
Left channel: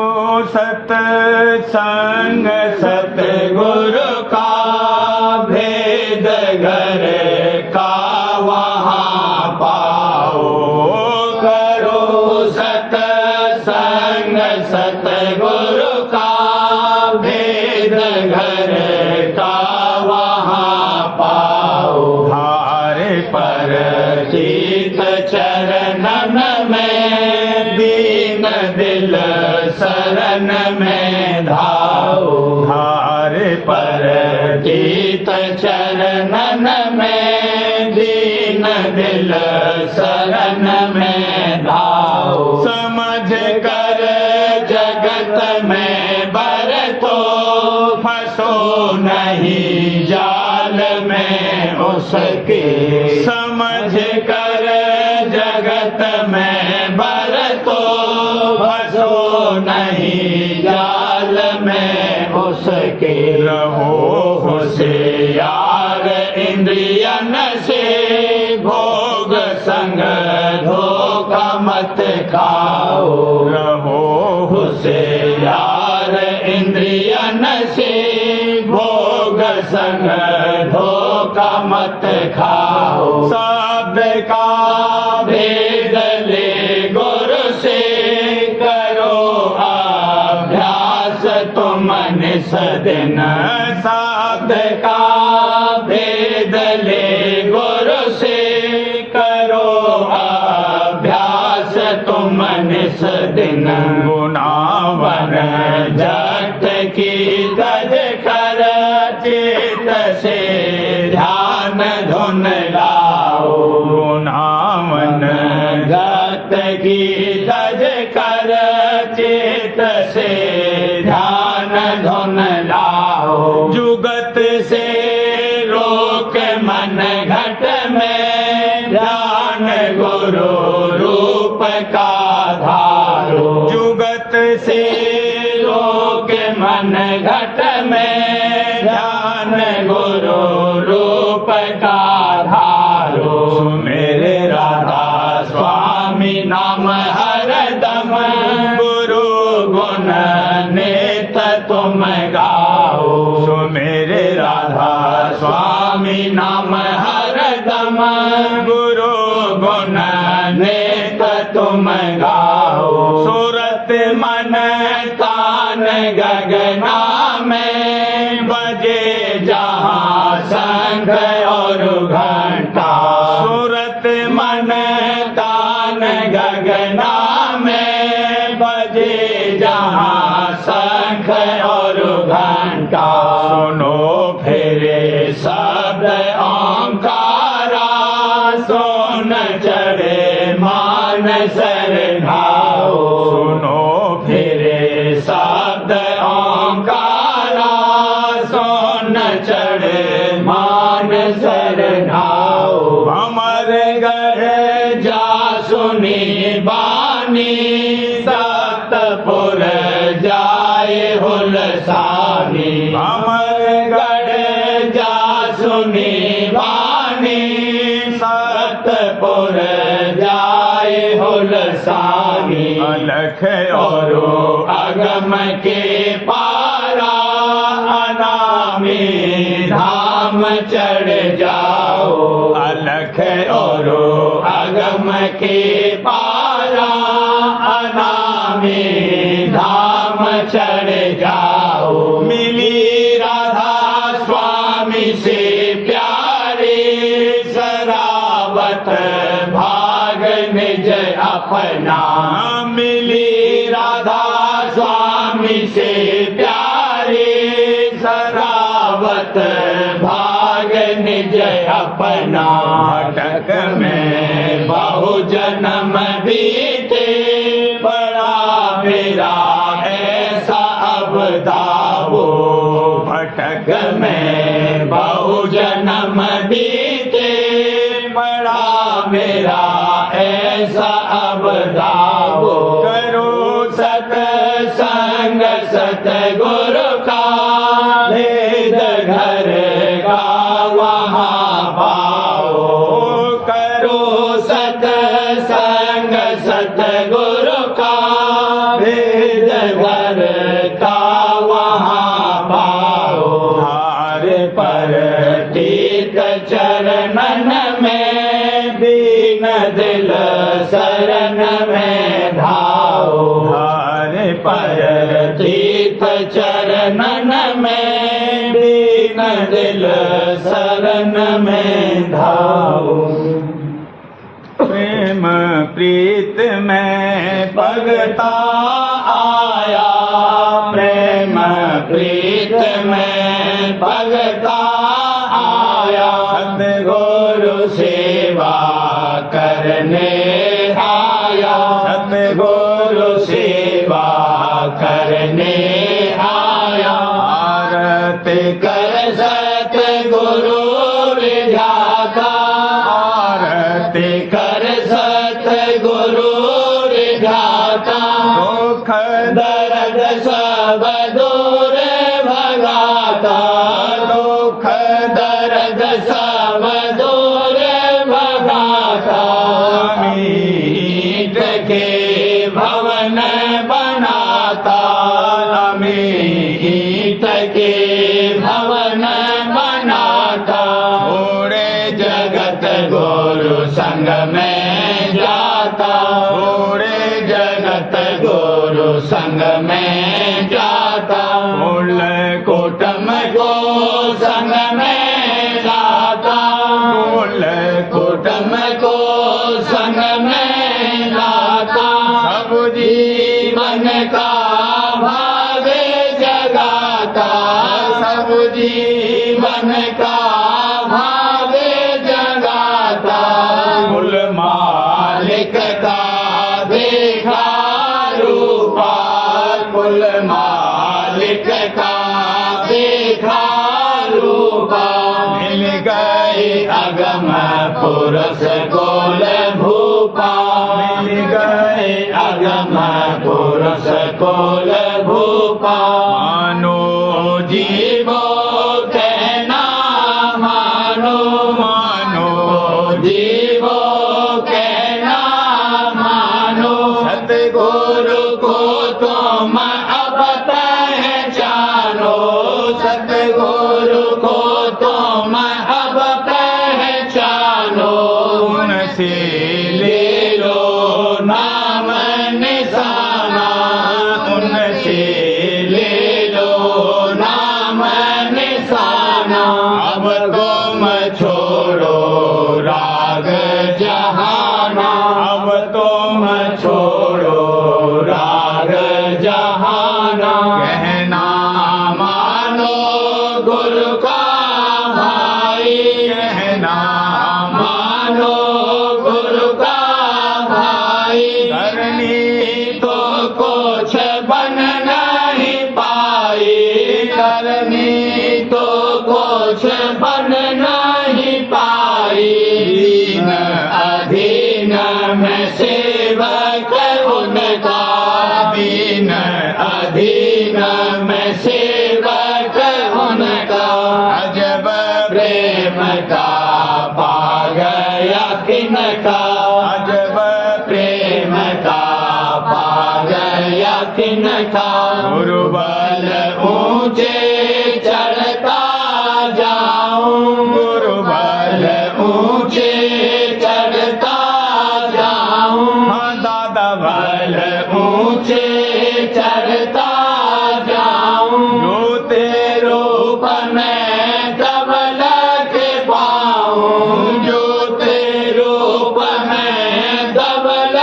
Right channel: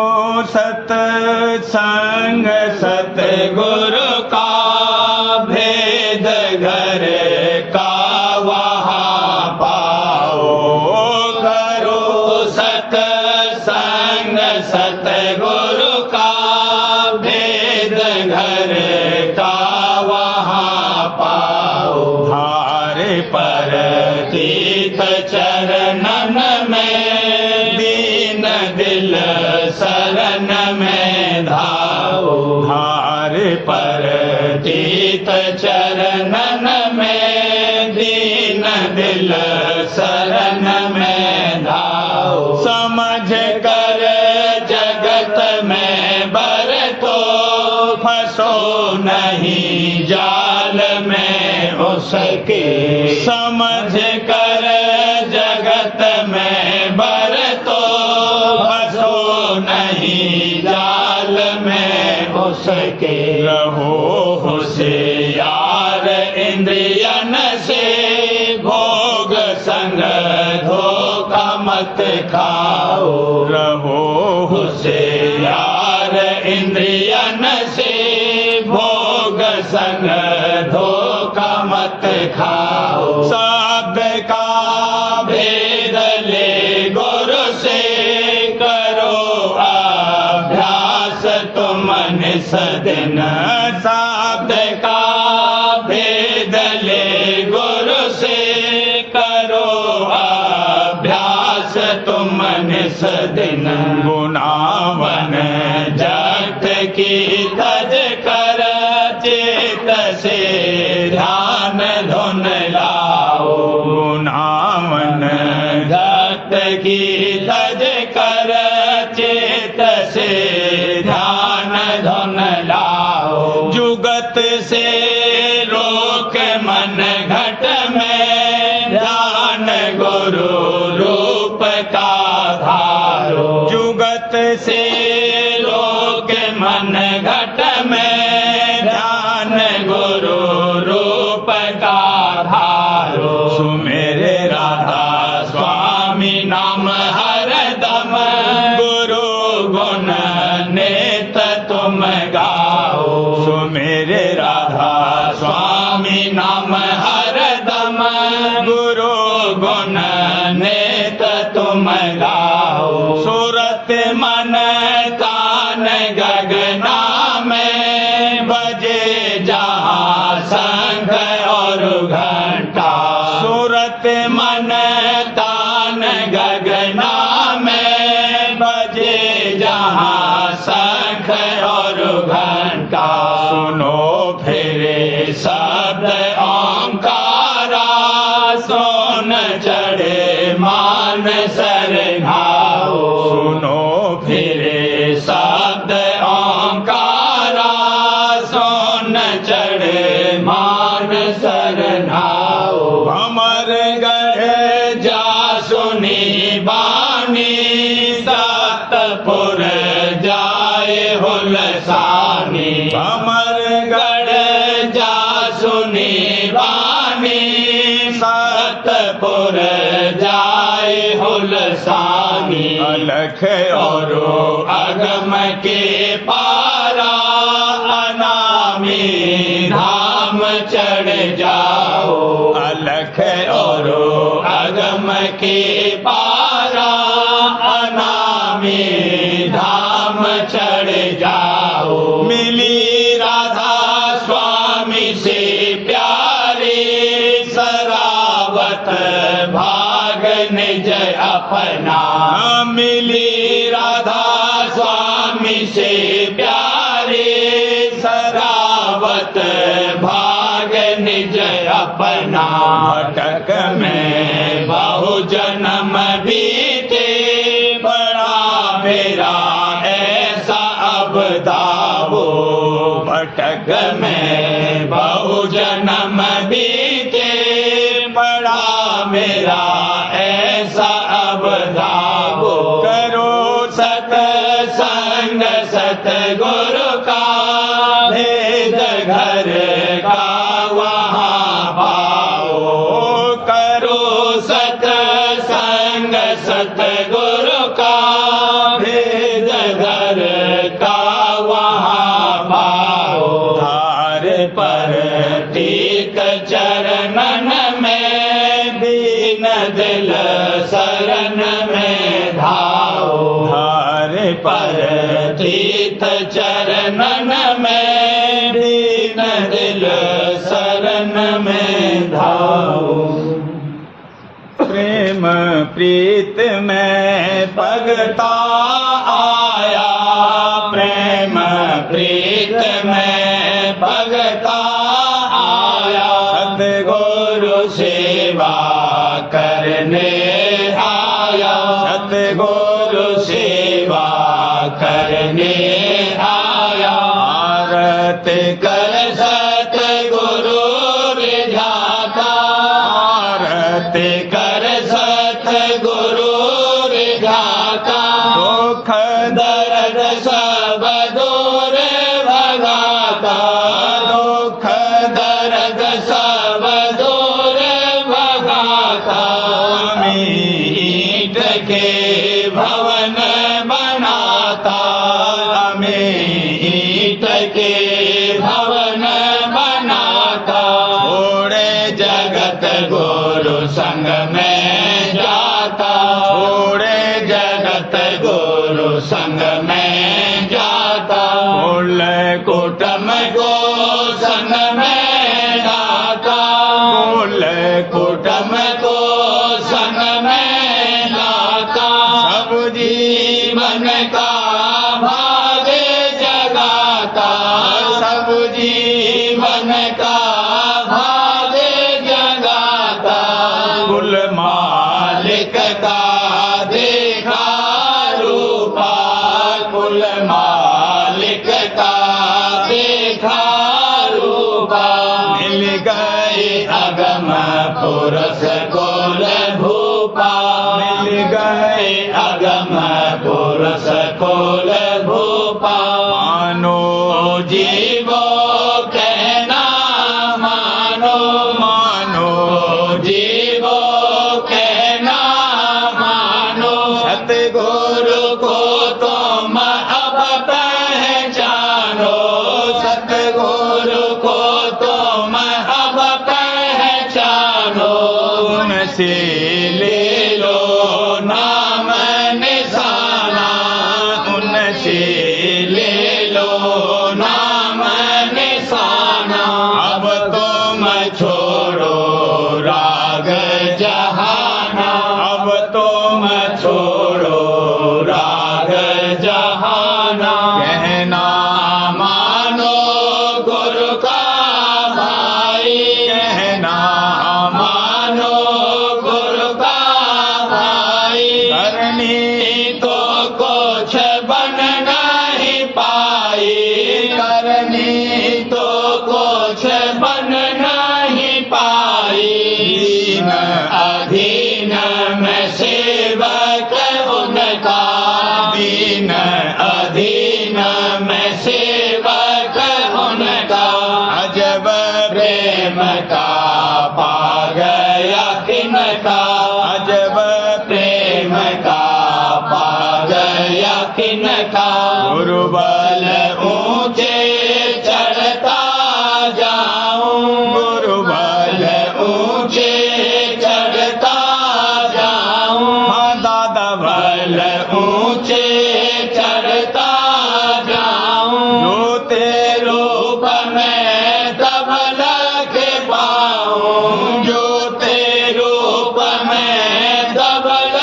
ओ सत्संग सतगुरु का भेद घर का वहाँ पाओ, करो सत्संग सतगुरु का भेद घर का वहाँ पाओ, हारे पर तीर्थ चरणन में दीन दिल शरण में धाओ, हारे पर तीर्थ चरणन में दीन दिल शरण में धाओ, समझ कर जगत में बरतो, फंसो नहीं जाल में उसके, समझ कर जगत में बरतो, फंसो नहीं जाल में उसके, रहो होशियार इंद्रियन से, भोग संग धोखा मत खाओ, रहो होशियार इंद्रियन से, भोग संग धोखा मत खाओ, शब्द का भेद ले गुरु से करो अभ्यास तुम निसदिन, शब्द का भेद ले गुरु से करो अभ्यास तुम निसदिन, गुनावन जगत की की तज कर चेत से ध्यान धुन लाओ। जुगत से रोक मन घट में ध्यान गुरु रूप का धारो। जुगत से रोक मन घट में ध्यान गुरु रूप का धारो। सुमेरे राधा स्वामी नाम हरदम गुरु गुण नेत तुम गाओ। सुमेरे राधा स्वामी नाम हरदम गुरु गुण नेत तुम गाओ। सूरत मन तान गगना में बजे जहाँ शंख और घंटा। सूरत मन तान गगना में बजे जहाँ शंख और घंटा। सुनो फिरे शब्द ओंकारा सोन चढ़े मान सरधाओ। सुनो फिरे शब्द ओंकारा सोन चढ़े मान सरधाओ। भमर गढ़ जा सुनी बानी सतपुर जाए हुलसानी। भमर गढ़ जा सुनी बानी सतपुर जाए हुलसानी। अलख और अगम के पारा अनामी धाम चढ़ जाओ। अलख और अगम के पारा अनामी धाम चढ़ जाओ। मिली राधा स्वामी से प्यारी सरावत भाग निज अपना। मिली राधा स्वामी से प्यारी सरावत भाग निज अपना। भटक में बहु जन्म बीते बड़ा मेरा ऐसा अब दावो। भटक में बहु जन्म बीते बड़ा मेरा ऐसा अब दावो। करो सत्संग सतगुरु का भेद घर का वहाँ पाओ। करो सत्संग सतगुरु का भेद घर का वहाँ पाओ। धार पर तीत चरणन में दीन दिल शरण में धाओ। धार पर तीत चरणन में दीन दिल शरण में धाओ। प्रेम प्रीत में भगता आया। प्रेम प्रीत में भगता आया। सतगुरु सेवा करने आया। सतगुरु सेवा करने आया। आरती कर सतगुरु रिझाता। आरती कर सतगुरु रिझाता। दुख दर्द सब दूर भगाता। दुख दर्द सब दूर भगाता। मीट के भवन बनाता। मीट के भवन बनाता। छोड़े जगत गुरु संग में जाता। छोड़े जगत गुरु संग में जाता। कुल कुटुंब को संग में लाता। कुल कुटुंब को संग में लाता। सब जीवन का भाग जगाता। सब जीवन का भाग जगाता। कुल मालिक का मालिक का देखा रूपा, मिल गए अगम पुरुष कुल भूपा, मिल गए अगम पुरुष कुल भूपा। मानो जीवो कहना मानो, मानो जीवो कहना मानो, सतगुरु को तुम अब पहचानो, सतगुरु को तुम अब पहचानो। उनसे ले लो नाम निशाना, उनसे ले लो नाम निशाना। अब तुम छोड़ो राग जहाना, अब तुम छोड़ो राग जहाना। कहना मानो गुरु का भाई, कहना मानो गुरु का भाई। करनी तो कुछ बन नहीं पाई, करनी तो कुछ बन नहीं पाई। दीन अधीन में सेवक उनका, दीन अधीन में सेवक उनका। अजब प्रेम का पा गया किनका, अजब प्रेम का पा गया किनका। गुरुबल ऊंचे चढ़ता जाऊं, गुरुबल ऊंचे चढ़ता जाऊं। हाँ दादा बल ऊंचे चढ़ता जाऊं। जो तेरे रूप में तबल के पाऊं, जो तेरे रूप में तबल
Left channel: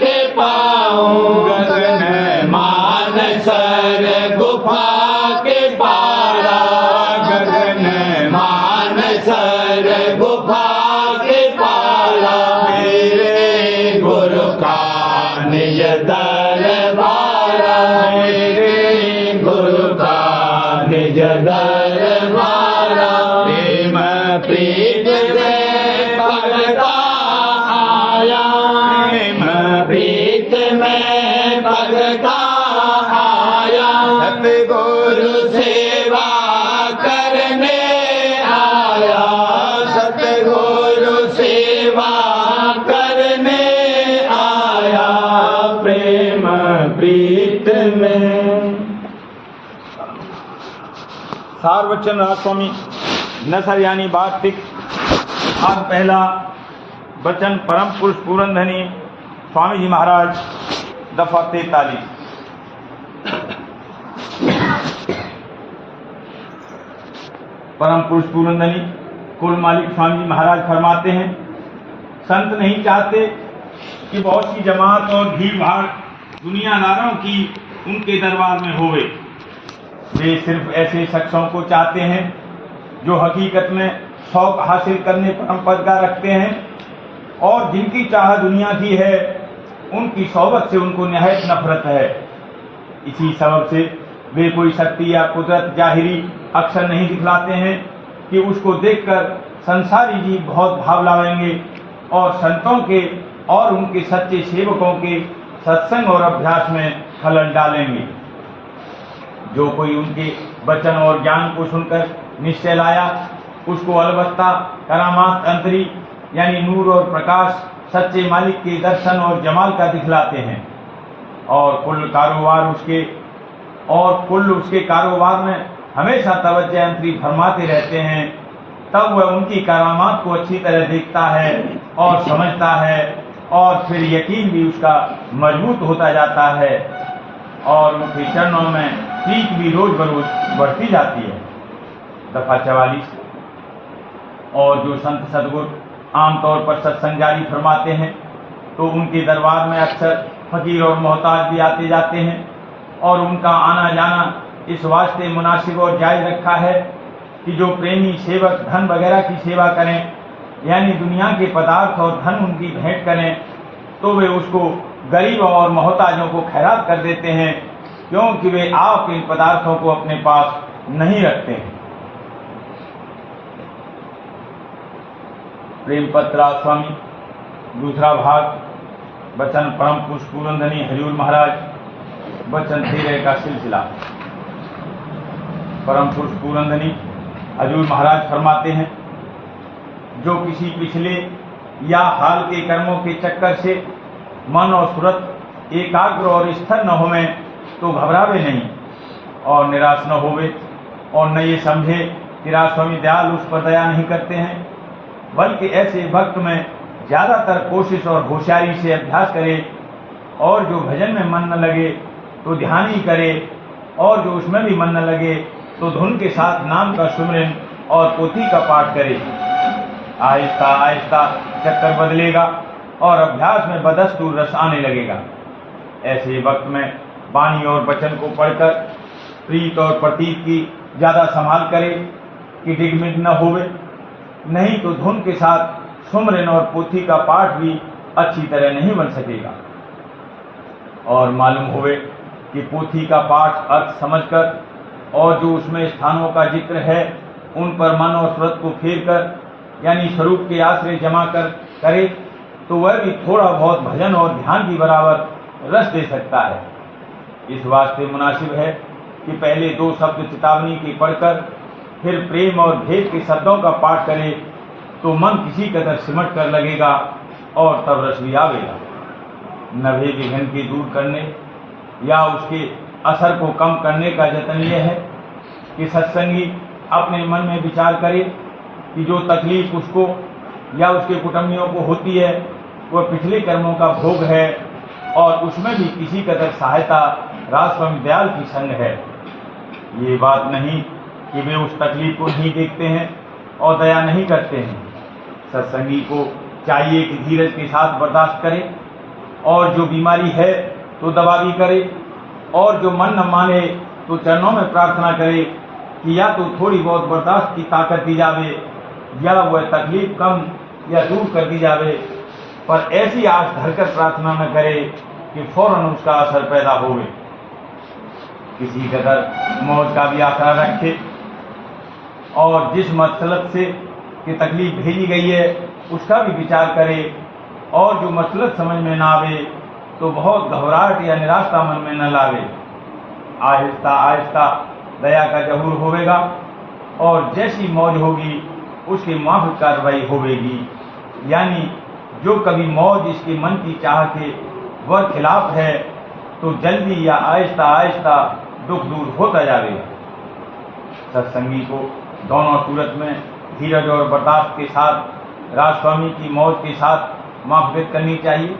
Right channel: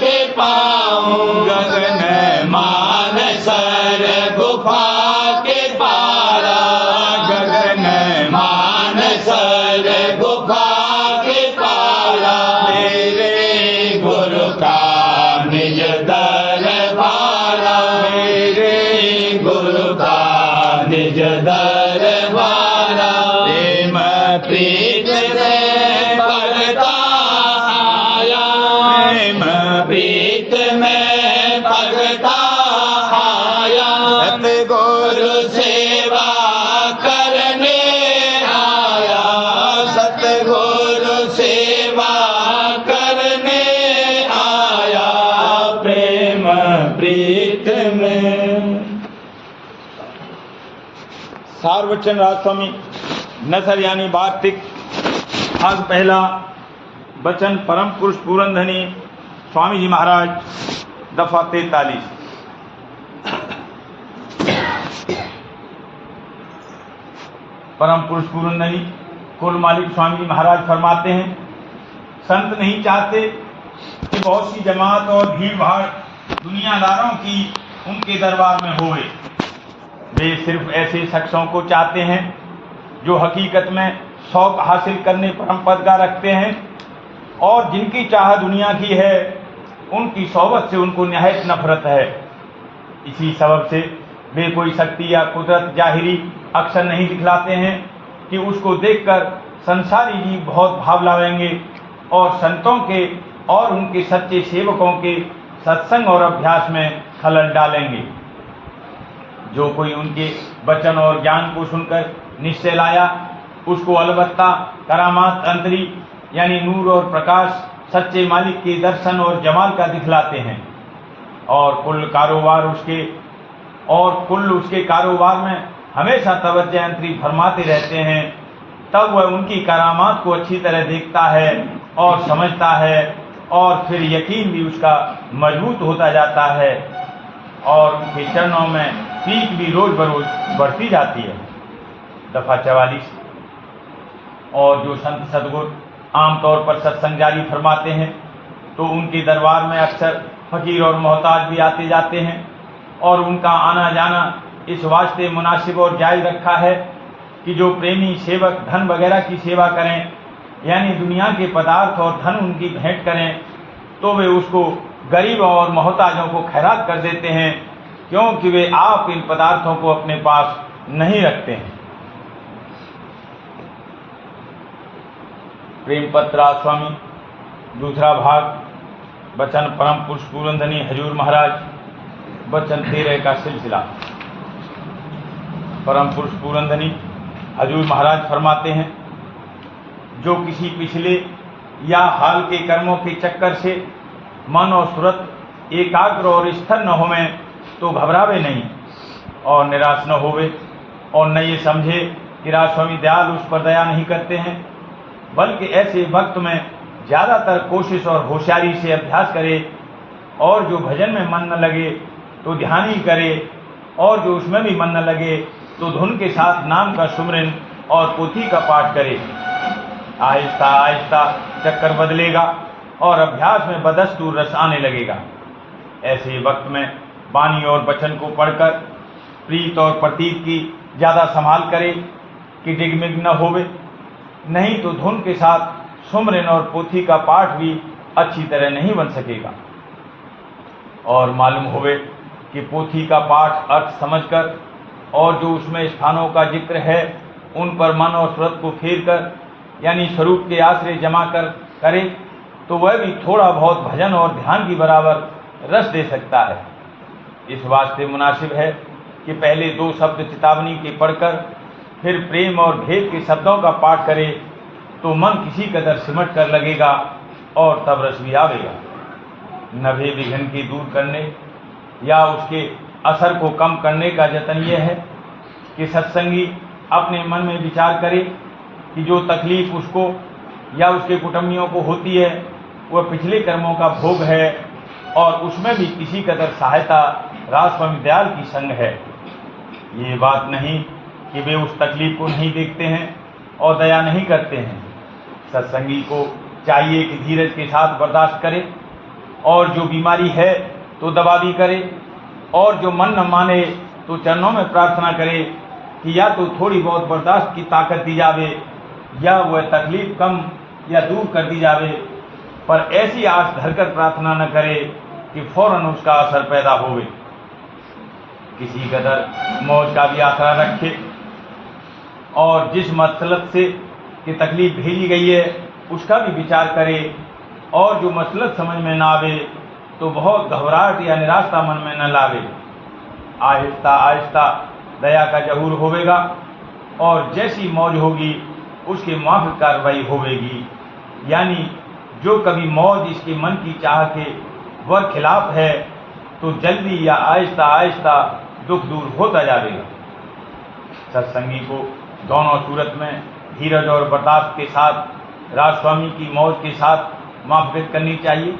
के पाऊं। गगन मान सर गुफा के पारा, गगन मान सर गुफा के पारा। मेरे गुरु का निज दरबारा, मेरे गुरु का निज दरबारा। प्रेम प्रीत में पगता आया, प्रेम प्रीत में पगता आया। सतगुरु सेवा करने आया, सतगुरु सेवा करने आया। प्रेम प्रीत में। सारवचन राजस्वामी नसर यानी वार्तिक भाग पहला। वचन परम पुरुष पूरनधनी स्वामी जी महाराज, दफा 43। परम पुरुष पूरनधनी कुल मालिक स्वामी जी महाराज फरमाते हैं, संत नहीं चाहते कि बहुत सी जमात और भीड़ भाड़ दुनियादारों की उनके दरबार में होवे। वे सिर्फ ऐसे शख्सों को चाहते हैं जो हकीकत में शौक हासिल करने पर परम पद का रखते हैं और जिनकी चाह दुनिया की है, उनकी सोबत से उनको निहायत नफरत है। इसी सबब से वे कोई शक्ति या कुदरत जाहिरी अक्सर नहीं दिखलाते हैं कि उसको देखकर संसारी जी बहुत भाव लाएंगे और संतों के और उनके सच्चे सेवकों के सत्संग और अभ्यास में खलल डालेंगे। जो कोई उनके वचन और ज्ञान को सुनकर निश्चय लाया, उसको अलबत्ता करामात अंतरी यानी नूर और प्रकाश सच्चे मालिक के दर्शन और जमाल का दिखलाते हैं और कुल उसके कारोबार में हमेशा तवज्जो अंतरी फरमाते रहते हैं। तब वह उनकी करामात को अच्छी तरह देखता है और समझता है और फिर यकीन भी उसका मजबूत होता जाता है और उनके चरणों में पीक भी रोज बरोज बढ़ती जाती है। दफा 44। और जो संत सदगुरु आमतौर पर सत्संग जारी फरमाते हैं तो उनके दरबार में अक्सर फकीर और मोहताज भी आते जाते हैं और उनका आना जाना इस वास्ते मुनासिब और जायज रखा है कि जो प्रेमी सेवक धन वगैरह की सेवा करें यानी दुनिया के पदार्थ और धन उनकी भेंट करें तो वे उसको गरीब और मोहताजों को खैरात कर देते हैं क्योंकि वे आप इन पदार्थों को अपने पास नहीं रखते हैं। प्रेम पत्र स्वामी दूसरा भाग, वचन परम पुरुष पूरनधनी हजूर महाराज, वचन 13 का सिलसिला। परम पुरुष पूरनधनी हजूर महाराज फरमाते हैं, जो किसी पिछले या हाल के कर्मों के चक्कर से मन और सूरत एकाग्र और स्थिर न होवे तो घबरावे नहीं और निराश न होवे, और न ये समझे कि राजस्वामी दयाल उस पर दया नहीं करते हैं, बल्कि ऐसे वक्त में ज्यादातर कोशिश और होशियारी से अभ्यास करे, और जो भजन में मन न लगे तो ध्यान ही करे, और जो उसमें भी मन न लगे तो धुन के साथ नाम का सुमरन और पोथी का पाठ करे। आहिस्ता आहिस्ता चक्कर बदलेगा और अभ्यास में बदस्तूर रस आने लगेगा। ऐसे वक्त में वाणी और वचन को पढ़कर प्रीत और प्रतीत की ज्यादा संभाल करे कि डिगमिग न होवे, नहीं तो धुन के साथ सुमरन और पोथी का पाठ भी अच्छी तरह नहीं बन सकेगा। और मालूम होवे कि पोथी का पाठ अर्थ समझकर और जो उसमें स्थानों का जिक्र है उन पर मन और सूरत को फेर कर यानी स्वरूप के आश्रय जमा कर करे तो वह भी थोड़ा बहुत भजन और ध्यान की बराबर रस दे सकता है। इस वास्ते मुनासिब है कि पहले 2 शब्द चितावनी के पढ़कर फिर प्रेम और भेद के शब्दों का पाठ करे तो मन किसी कदर सिमट कर लगेगा और तब रस भी आवेगा। नभे विघन की दूर करने या उसके असर को कम करने का जतन यह है कि सत्संगी अपने मन में विचार करे कि जो तकलीफ उसको या उसके कुटुंबियों को होती है वह पिछले कर्मों का भोग है, और उसमें भी किसी कदर सहायता राजस्वामी दयाल की संग है। ये बात नहीं कि वे उस तकलीफ को नहीं देखते हैं और दया नहीं करते हैं। सत्संगी को चाहिए कि धीरज के साथ बर्दाश्त करे, और जो बीमारी है तो दवा भी करे, और जो मन न माने तो चरणों में प्रार्थना करे कि या तो थोड़ी बहुत बर्दाश्त की ताकत दी जावे या वह तकलीफ कम या दूर कर दी जावे, पर ऐसी आस धरकर प्रार्थना न करे कि फौरन उसका असर पैदा होवे। किसी कदर मौत का भी आसरा रखे, और जिस मसलत से कि तकलीफ भेजी गई है उसका भी विचार करे, और जो मसलत समझ में न आवे तो बहुत घबराहट या निराशा मन में न लावे। आहिस्ता आहिस्ता दया का जहूर होवेगा, और जैसी मौज होगी उसके माफिक कार्रवाई होवेगी। यानी जो कभी मौज इसके मन की चाह के वह खिलाफ है तो जल्दी या आहिस्ता आहिस्ता दुख दूर होता जाएगा। सत्संगी को दोनों सूरत में धीरज और बर्दाश्त के साथ राजस्वामी की मौज के साथ माफियत करनी चाहिए,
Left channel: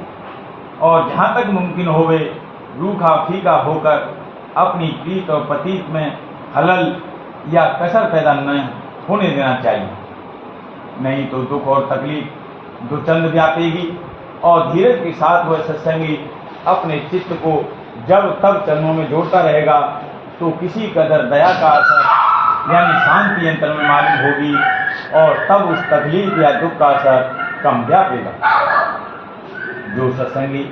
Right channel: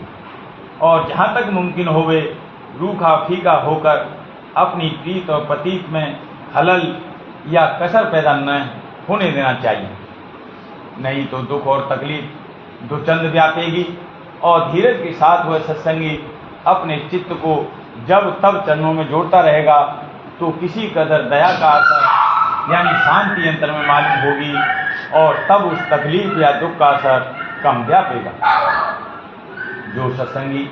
और जहाँ तक मुमकिन होवे रूखा फीका होकर अपनी प्रीत और प्रतीत में खलल या कसर पैदा न होने देना चाहिए। नहीं तो दुख और तकलीफ दुर्चंद व्यापेगी, और धीरज के साथ वह सत्संगी अपने चित्त को जब तब चरणों में जोड़ता रहेगा तो किसी कदर दया का असर यानी शांति अंतर में मालूम होगी, और तब उस तकलीफ या दुख का असर कम व्यापेगा। जो सत्संगी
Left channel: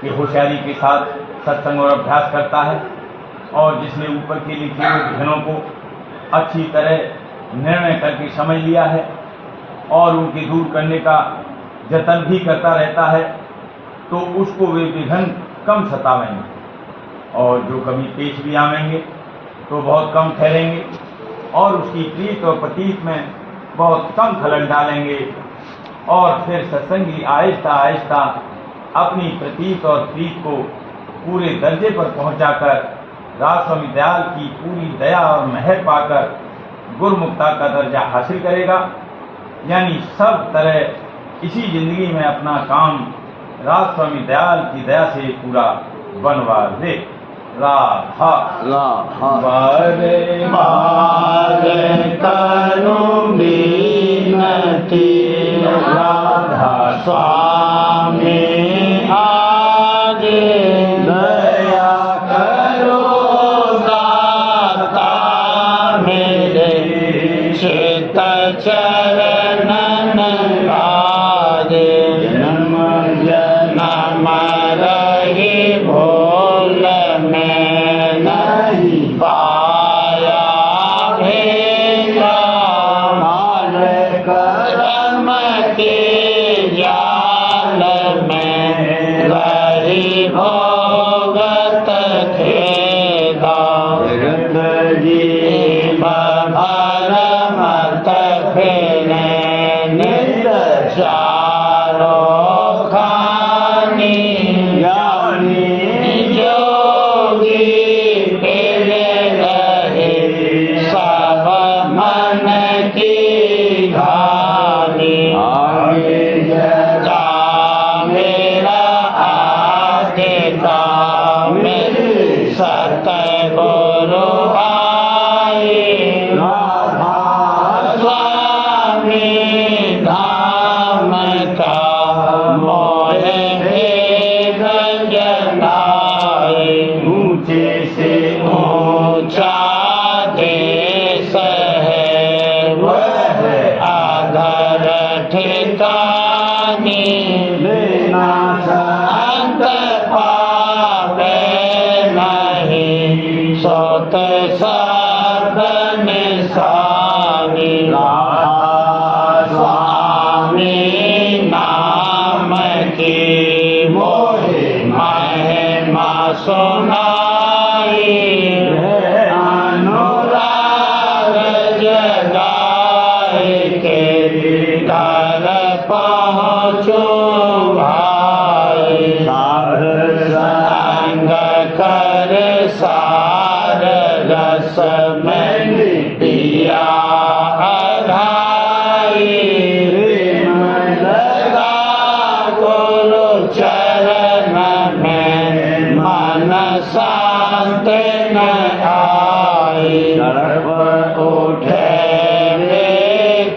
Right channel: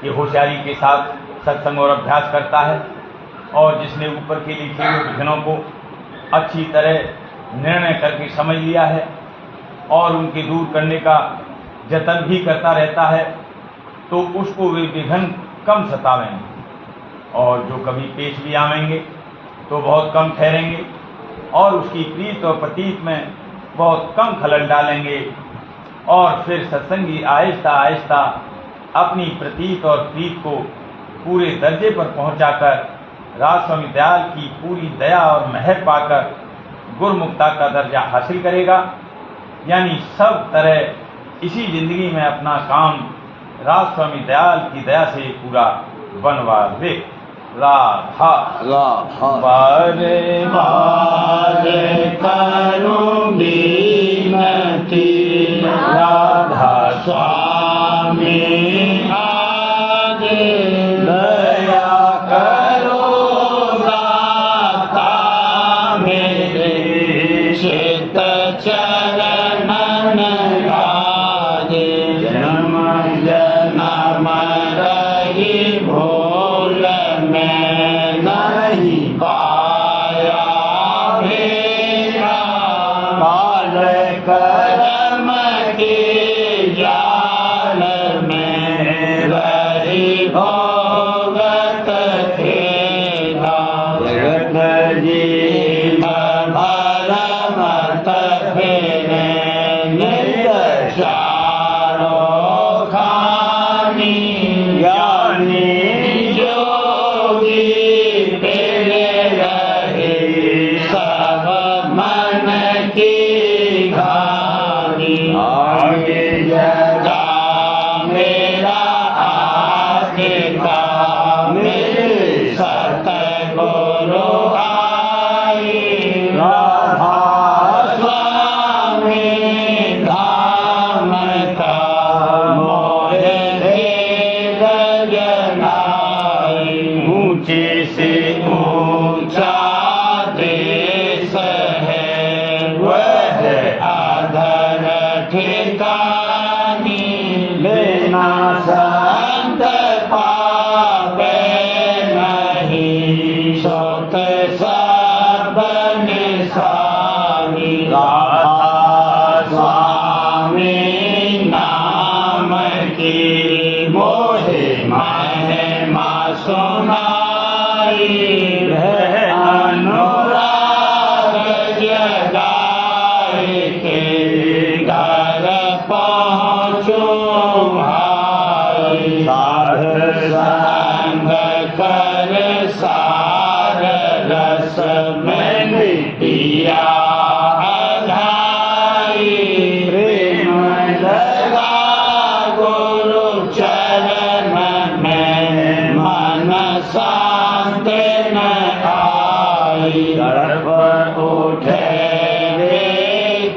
की होशियारी के साथ सत्संग और अभ्यास करता है, और जिसने ऊपर के लिखे हुए विघ्नों को अच्छी तरह निर्णय करके समझ लिया है और उनके दूर करने का जतन भी करता रहता है, तो उसको वे विघ्न कम सतावेंगे, और जो कभी पेश भी आवेंगे तो बहुत कम ठहरेंगे, और उसकी प्रीत और प्रतीत में बहुत कम खलल डालेंगे। और फिर सत्संगी आहिस्ता आहिस्ता अपनी प्रतीत और प्रीत को पूरे दर्जे पर पहुंचाकर राजस्वामी दयाल की पूरी दया और मेहर पाकर गुरुमुक्ता का दर्जा हासिल करेगा। यानी सब तरह इसी जिंदगी में अपना काम राजस्वामी दयाल की दया से पूरा बनवा दे। राधा बारे बारे करूं बीनती, राधा स्वामी आगे दया करो दाता मेरे, चित चरणन आगे जन्म जन्म रही भोल में राधा स्वामी नाम की मोहे महिमा सुनाई अनुराग जगाए के घर पहुँचो भाई साध संग कर सार रस में पिया अधाई प्रेम लगा गुरु चरण में मन शांत न आई तड़प उठे रे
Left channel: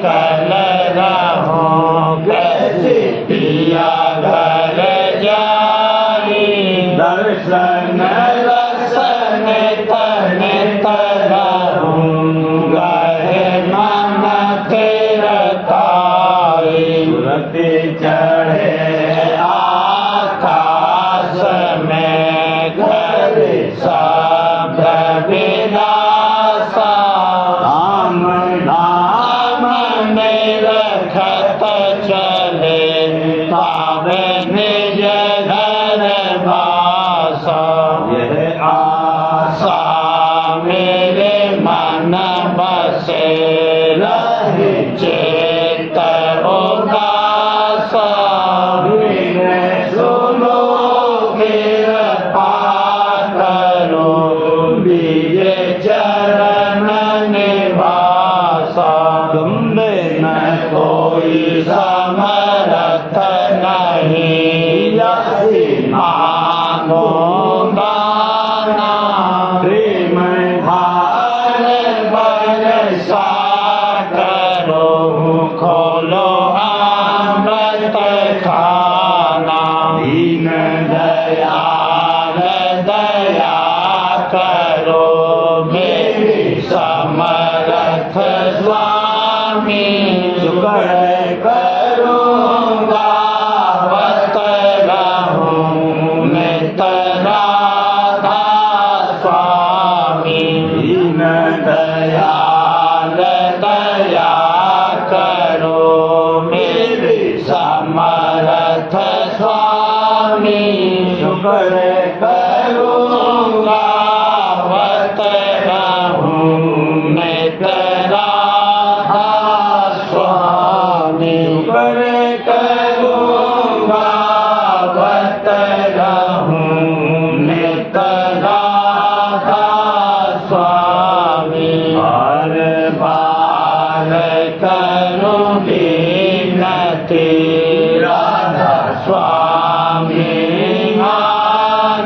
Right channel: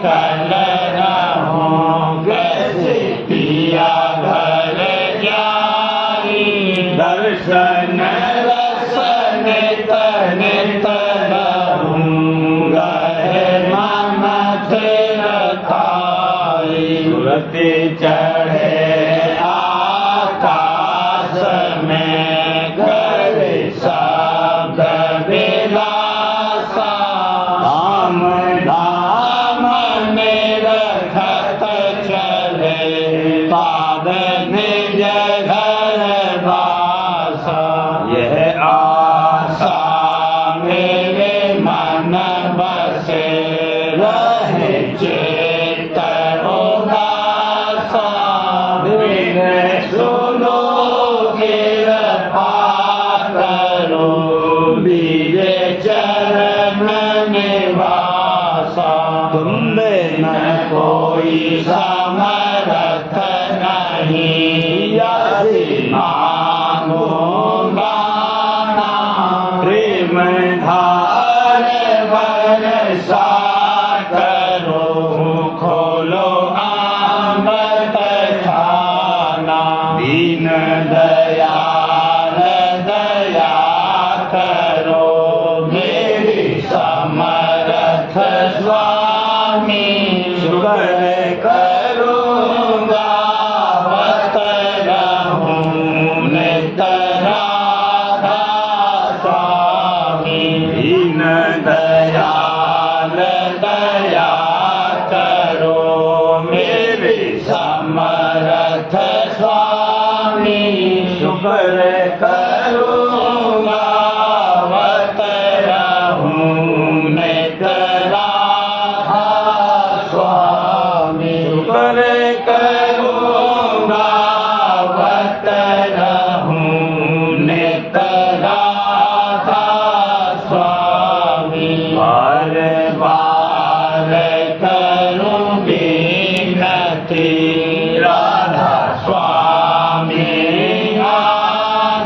कल रहो कैसे पिया घर जाई दर्शन रसन तन तनहूँगा मन थिरकाई सुरति चढ़े आकाश में घर शब्द विलासा धाम धाम में रखत चले पाद निज घर बासा यह आशा मेरे मन बसे रहे चेत उदासा बिन सुनो कृपा करो बीज चरण निवासा तुम बिन कोई समर्थ नहीं यदि मांगो गाना प्रेम धार बरसा करो खोलो अमृत खाना दीन दयाल दया करो मेरी समर्थ स्वामी शुक्र करूँगा बत रहूँ नित राधा स्वामी दीन दयाल दया करो मेरी समर्थ स्वामी शुक्र करूँगा बत रहूँ नित राधा स्वामी शुक्र करूँगा बत रहूँ नित राधा स्वामी बार बार करूँगी नति राधा स्वामी मान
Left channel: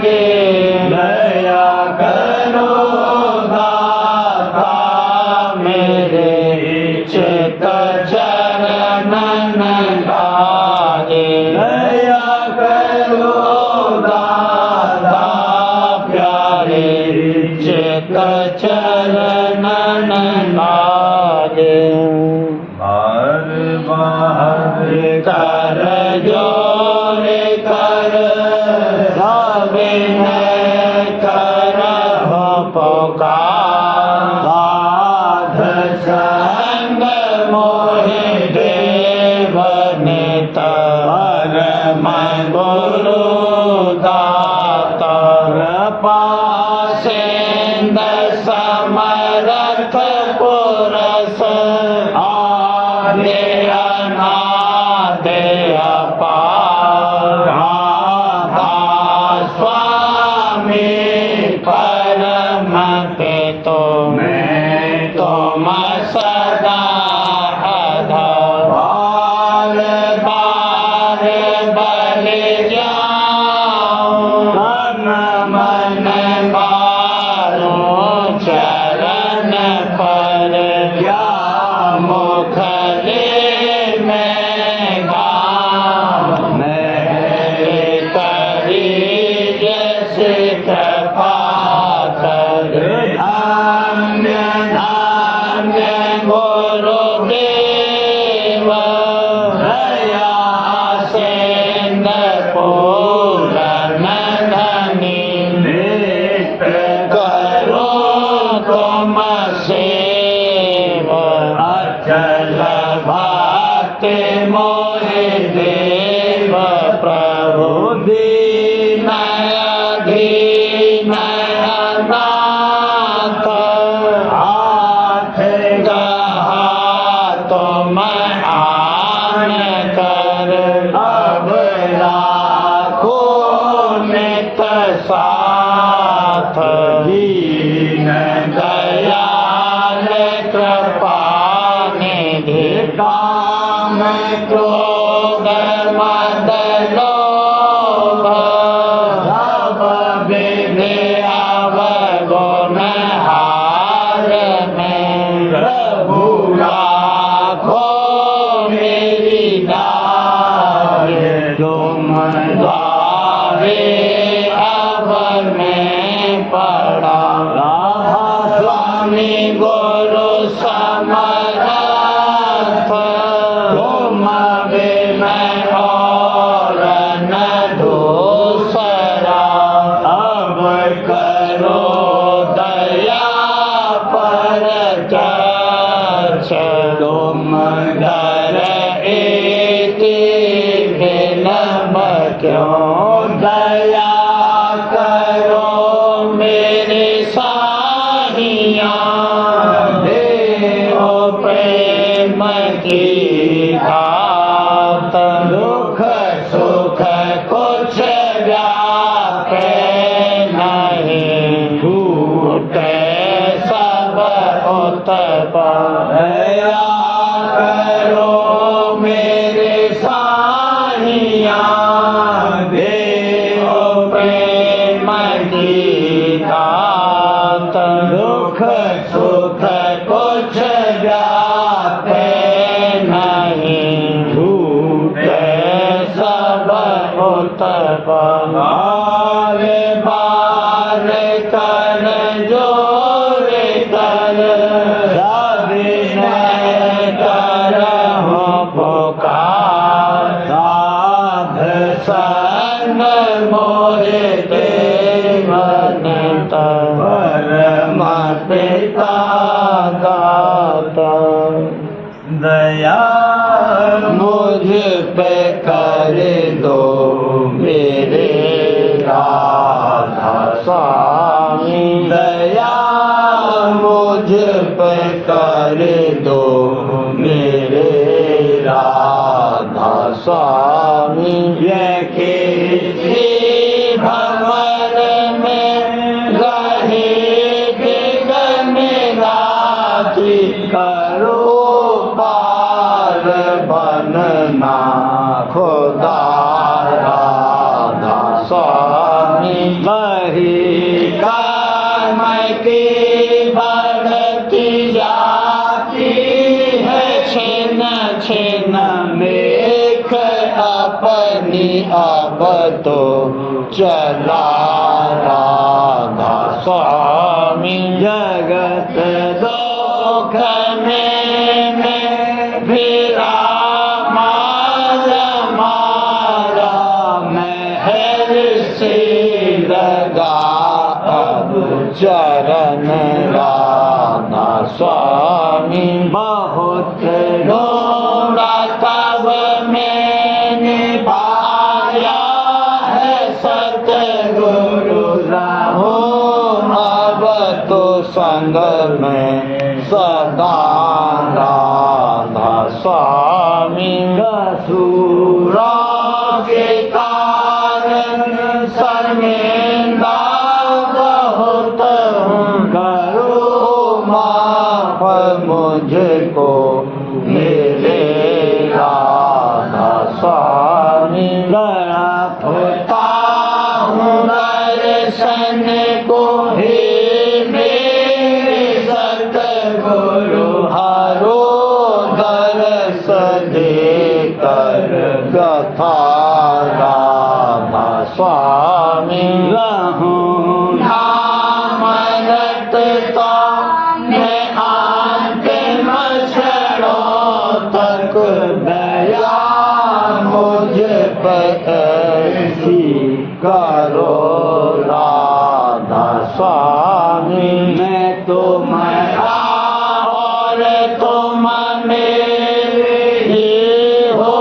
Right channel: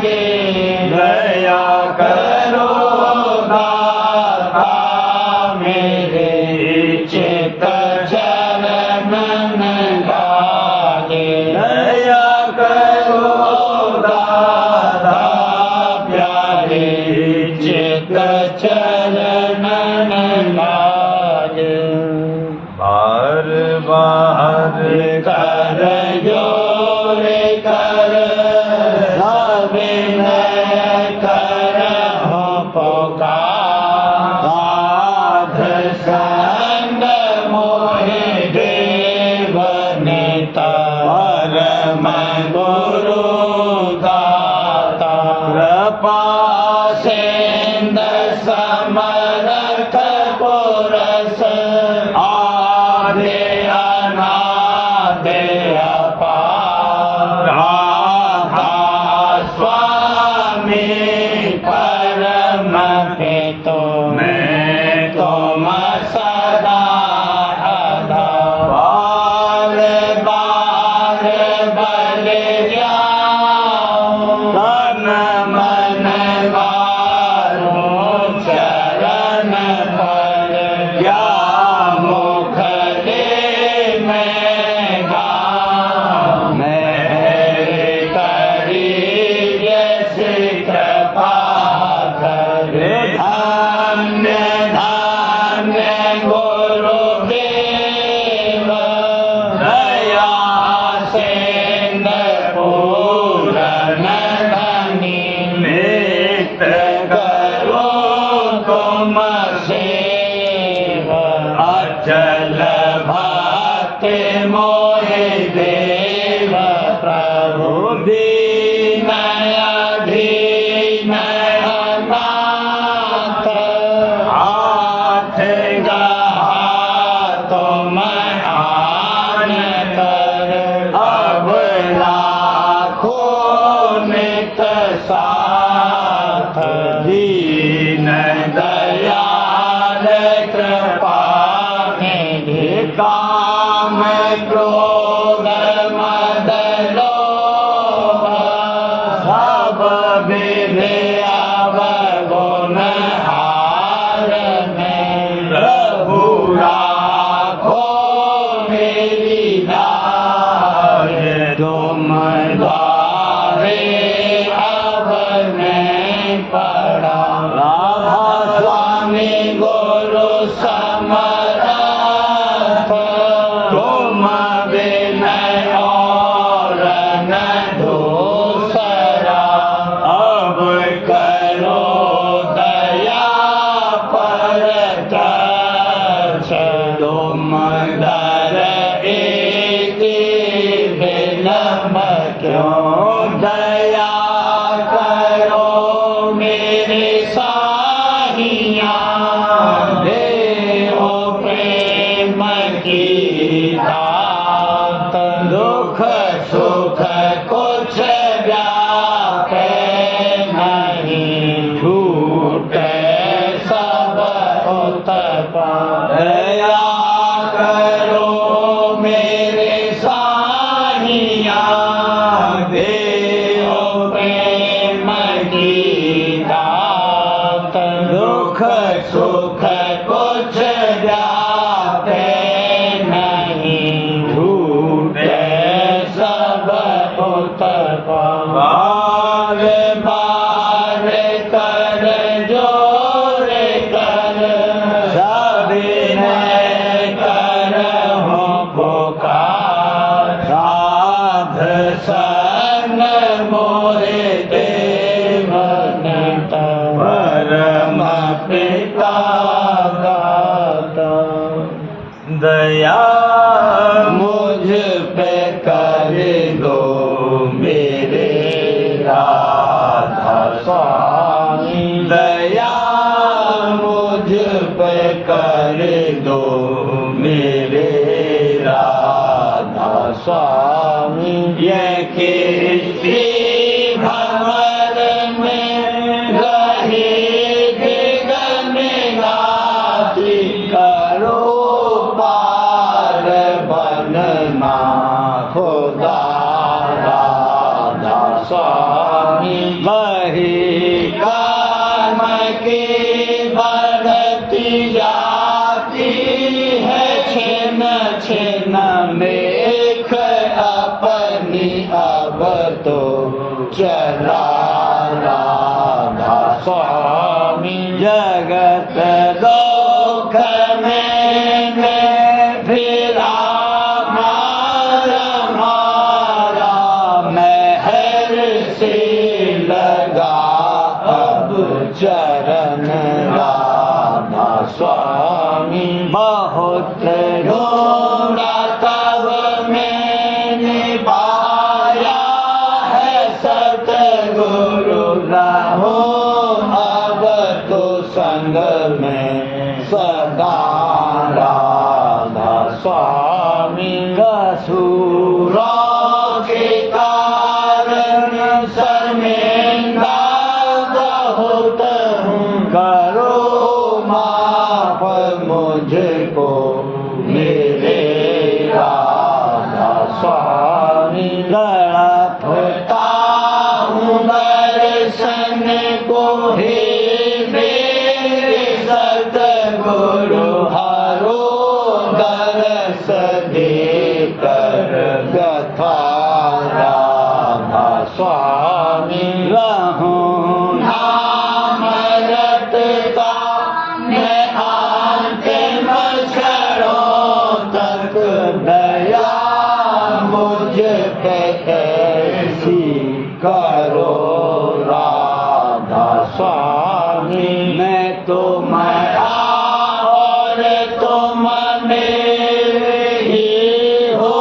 साथ दीन दयाल कृपा निधि काम क्रोध मद लोभ सब विद्या अवगुण हारने प्रभु राखो मेरी दास तुम द्वारे अब मैं पड़ा राधा स्वामी गुरु समर्थ तुम बिन और न दूसरा अब करो दया पर तरस तुम दर एक बिन क्यों दया करो मेरे साहिया देव प्रेम की दात दुख सुख कुछ व्यापे नहीं छूटे सब उत्पन्न दया करो मेरे साहिया देव प्रेम की दात दुख सुख कुछ व्यापे नहीं झूठे सब उत्पन्न बार बार कर जोर कर सबिन कर हो पुकार साध सन मोरे ते मन परम पिता दाता दया मुझ पे कर दो मेरे राधा स्वामी दया मुझ पे कर दो मेरे राधा स्वामी ये किसी भंवर में रहे गगन राति करो पार बनना खुदा राधा स्वामी वही कर्म की बढ़ती जाती है छिन छिन मेख अपनी अब तो चला राधा स्वामी जगत दुख में फिरा मारा महर से लगा अब चरण राधा स्वामी बहुत ढूंढा तब मैंने पाया है सतगुरु रहो अब तो संग में सदा राधा स्वामी कसूरा के कारण शर्मिंदा बहुत हूँ करो माफ मुझको मेरे राधा स्वामी तड़पता हूँ दर्शन को हे मेरे सतगुरु हरो दरस दे कर गथा राधा स्वामी रहूं नाम रटता मैं अंतिम क्षणों तक दया मुझ पर ऐसी करो राधा स्वामी मैं तो मरा और तुम मेरे ही हो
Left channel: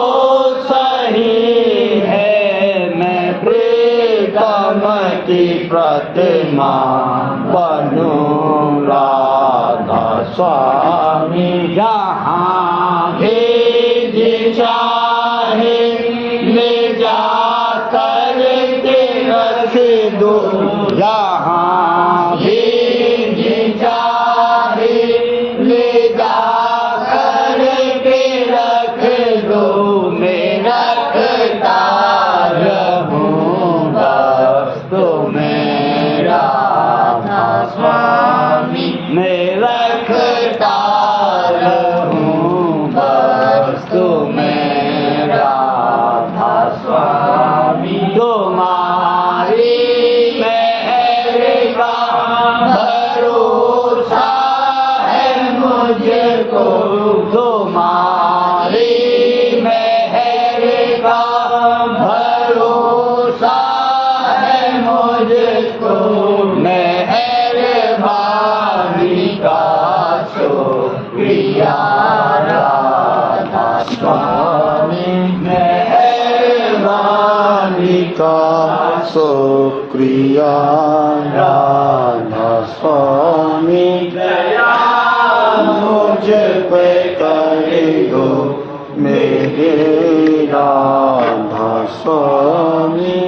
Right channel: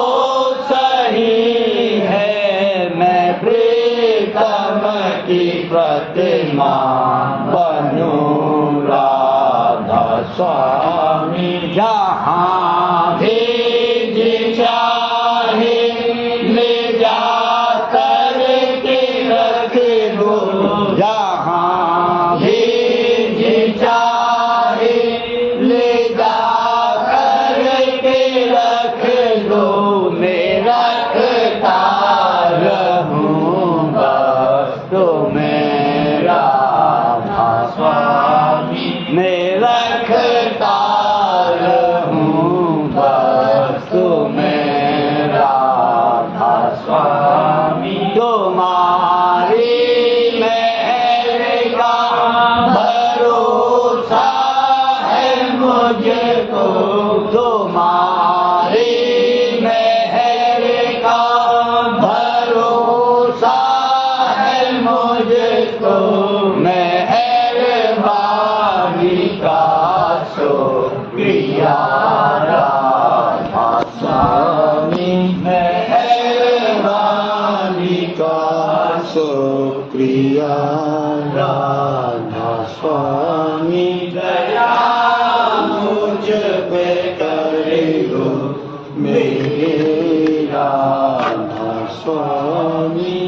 सही है मैं प्रीतम की प्रतिमा बनूं राधा स्वामी जहाँ भी जी चाहे ले जा कर के रख दो, जहाँ भी जी चाहे ले जा कर के रख लो, मैं रखता रहूँगा तो मेरा स्वामी, मैं रखता रहूँगा तो मेरा स्वामी। तुम्हारी मेहर का भरोसा है मुझको, तुम्हारी मेहर का भरोसा है मुझको, मेहरबानी का शुक्रिया राधा स्वामी, मेहरबानी का शुक्रिया राधा स्वामी। दया मुझ पे करे दो मेरे राधा स्वामी।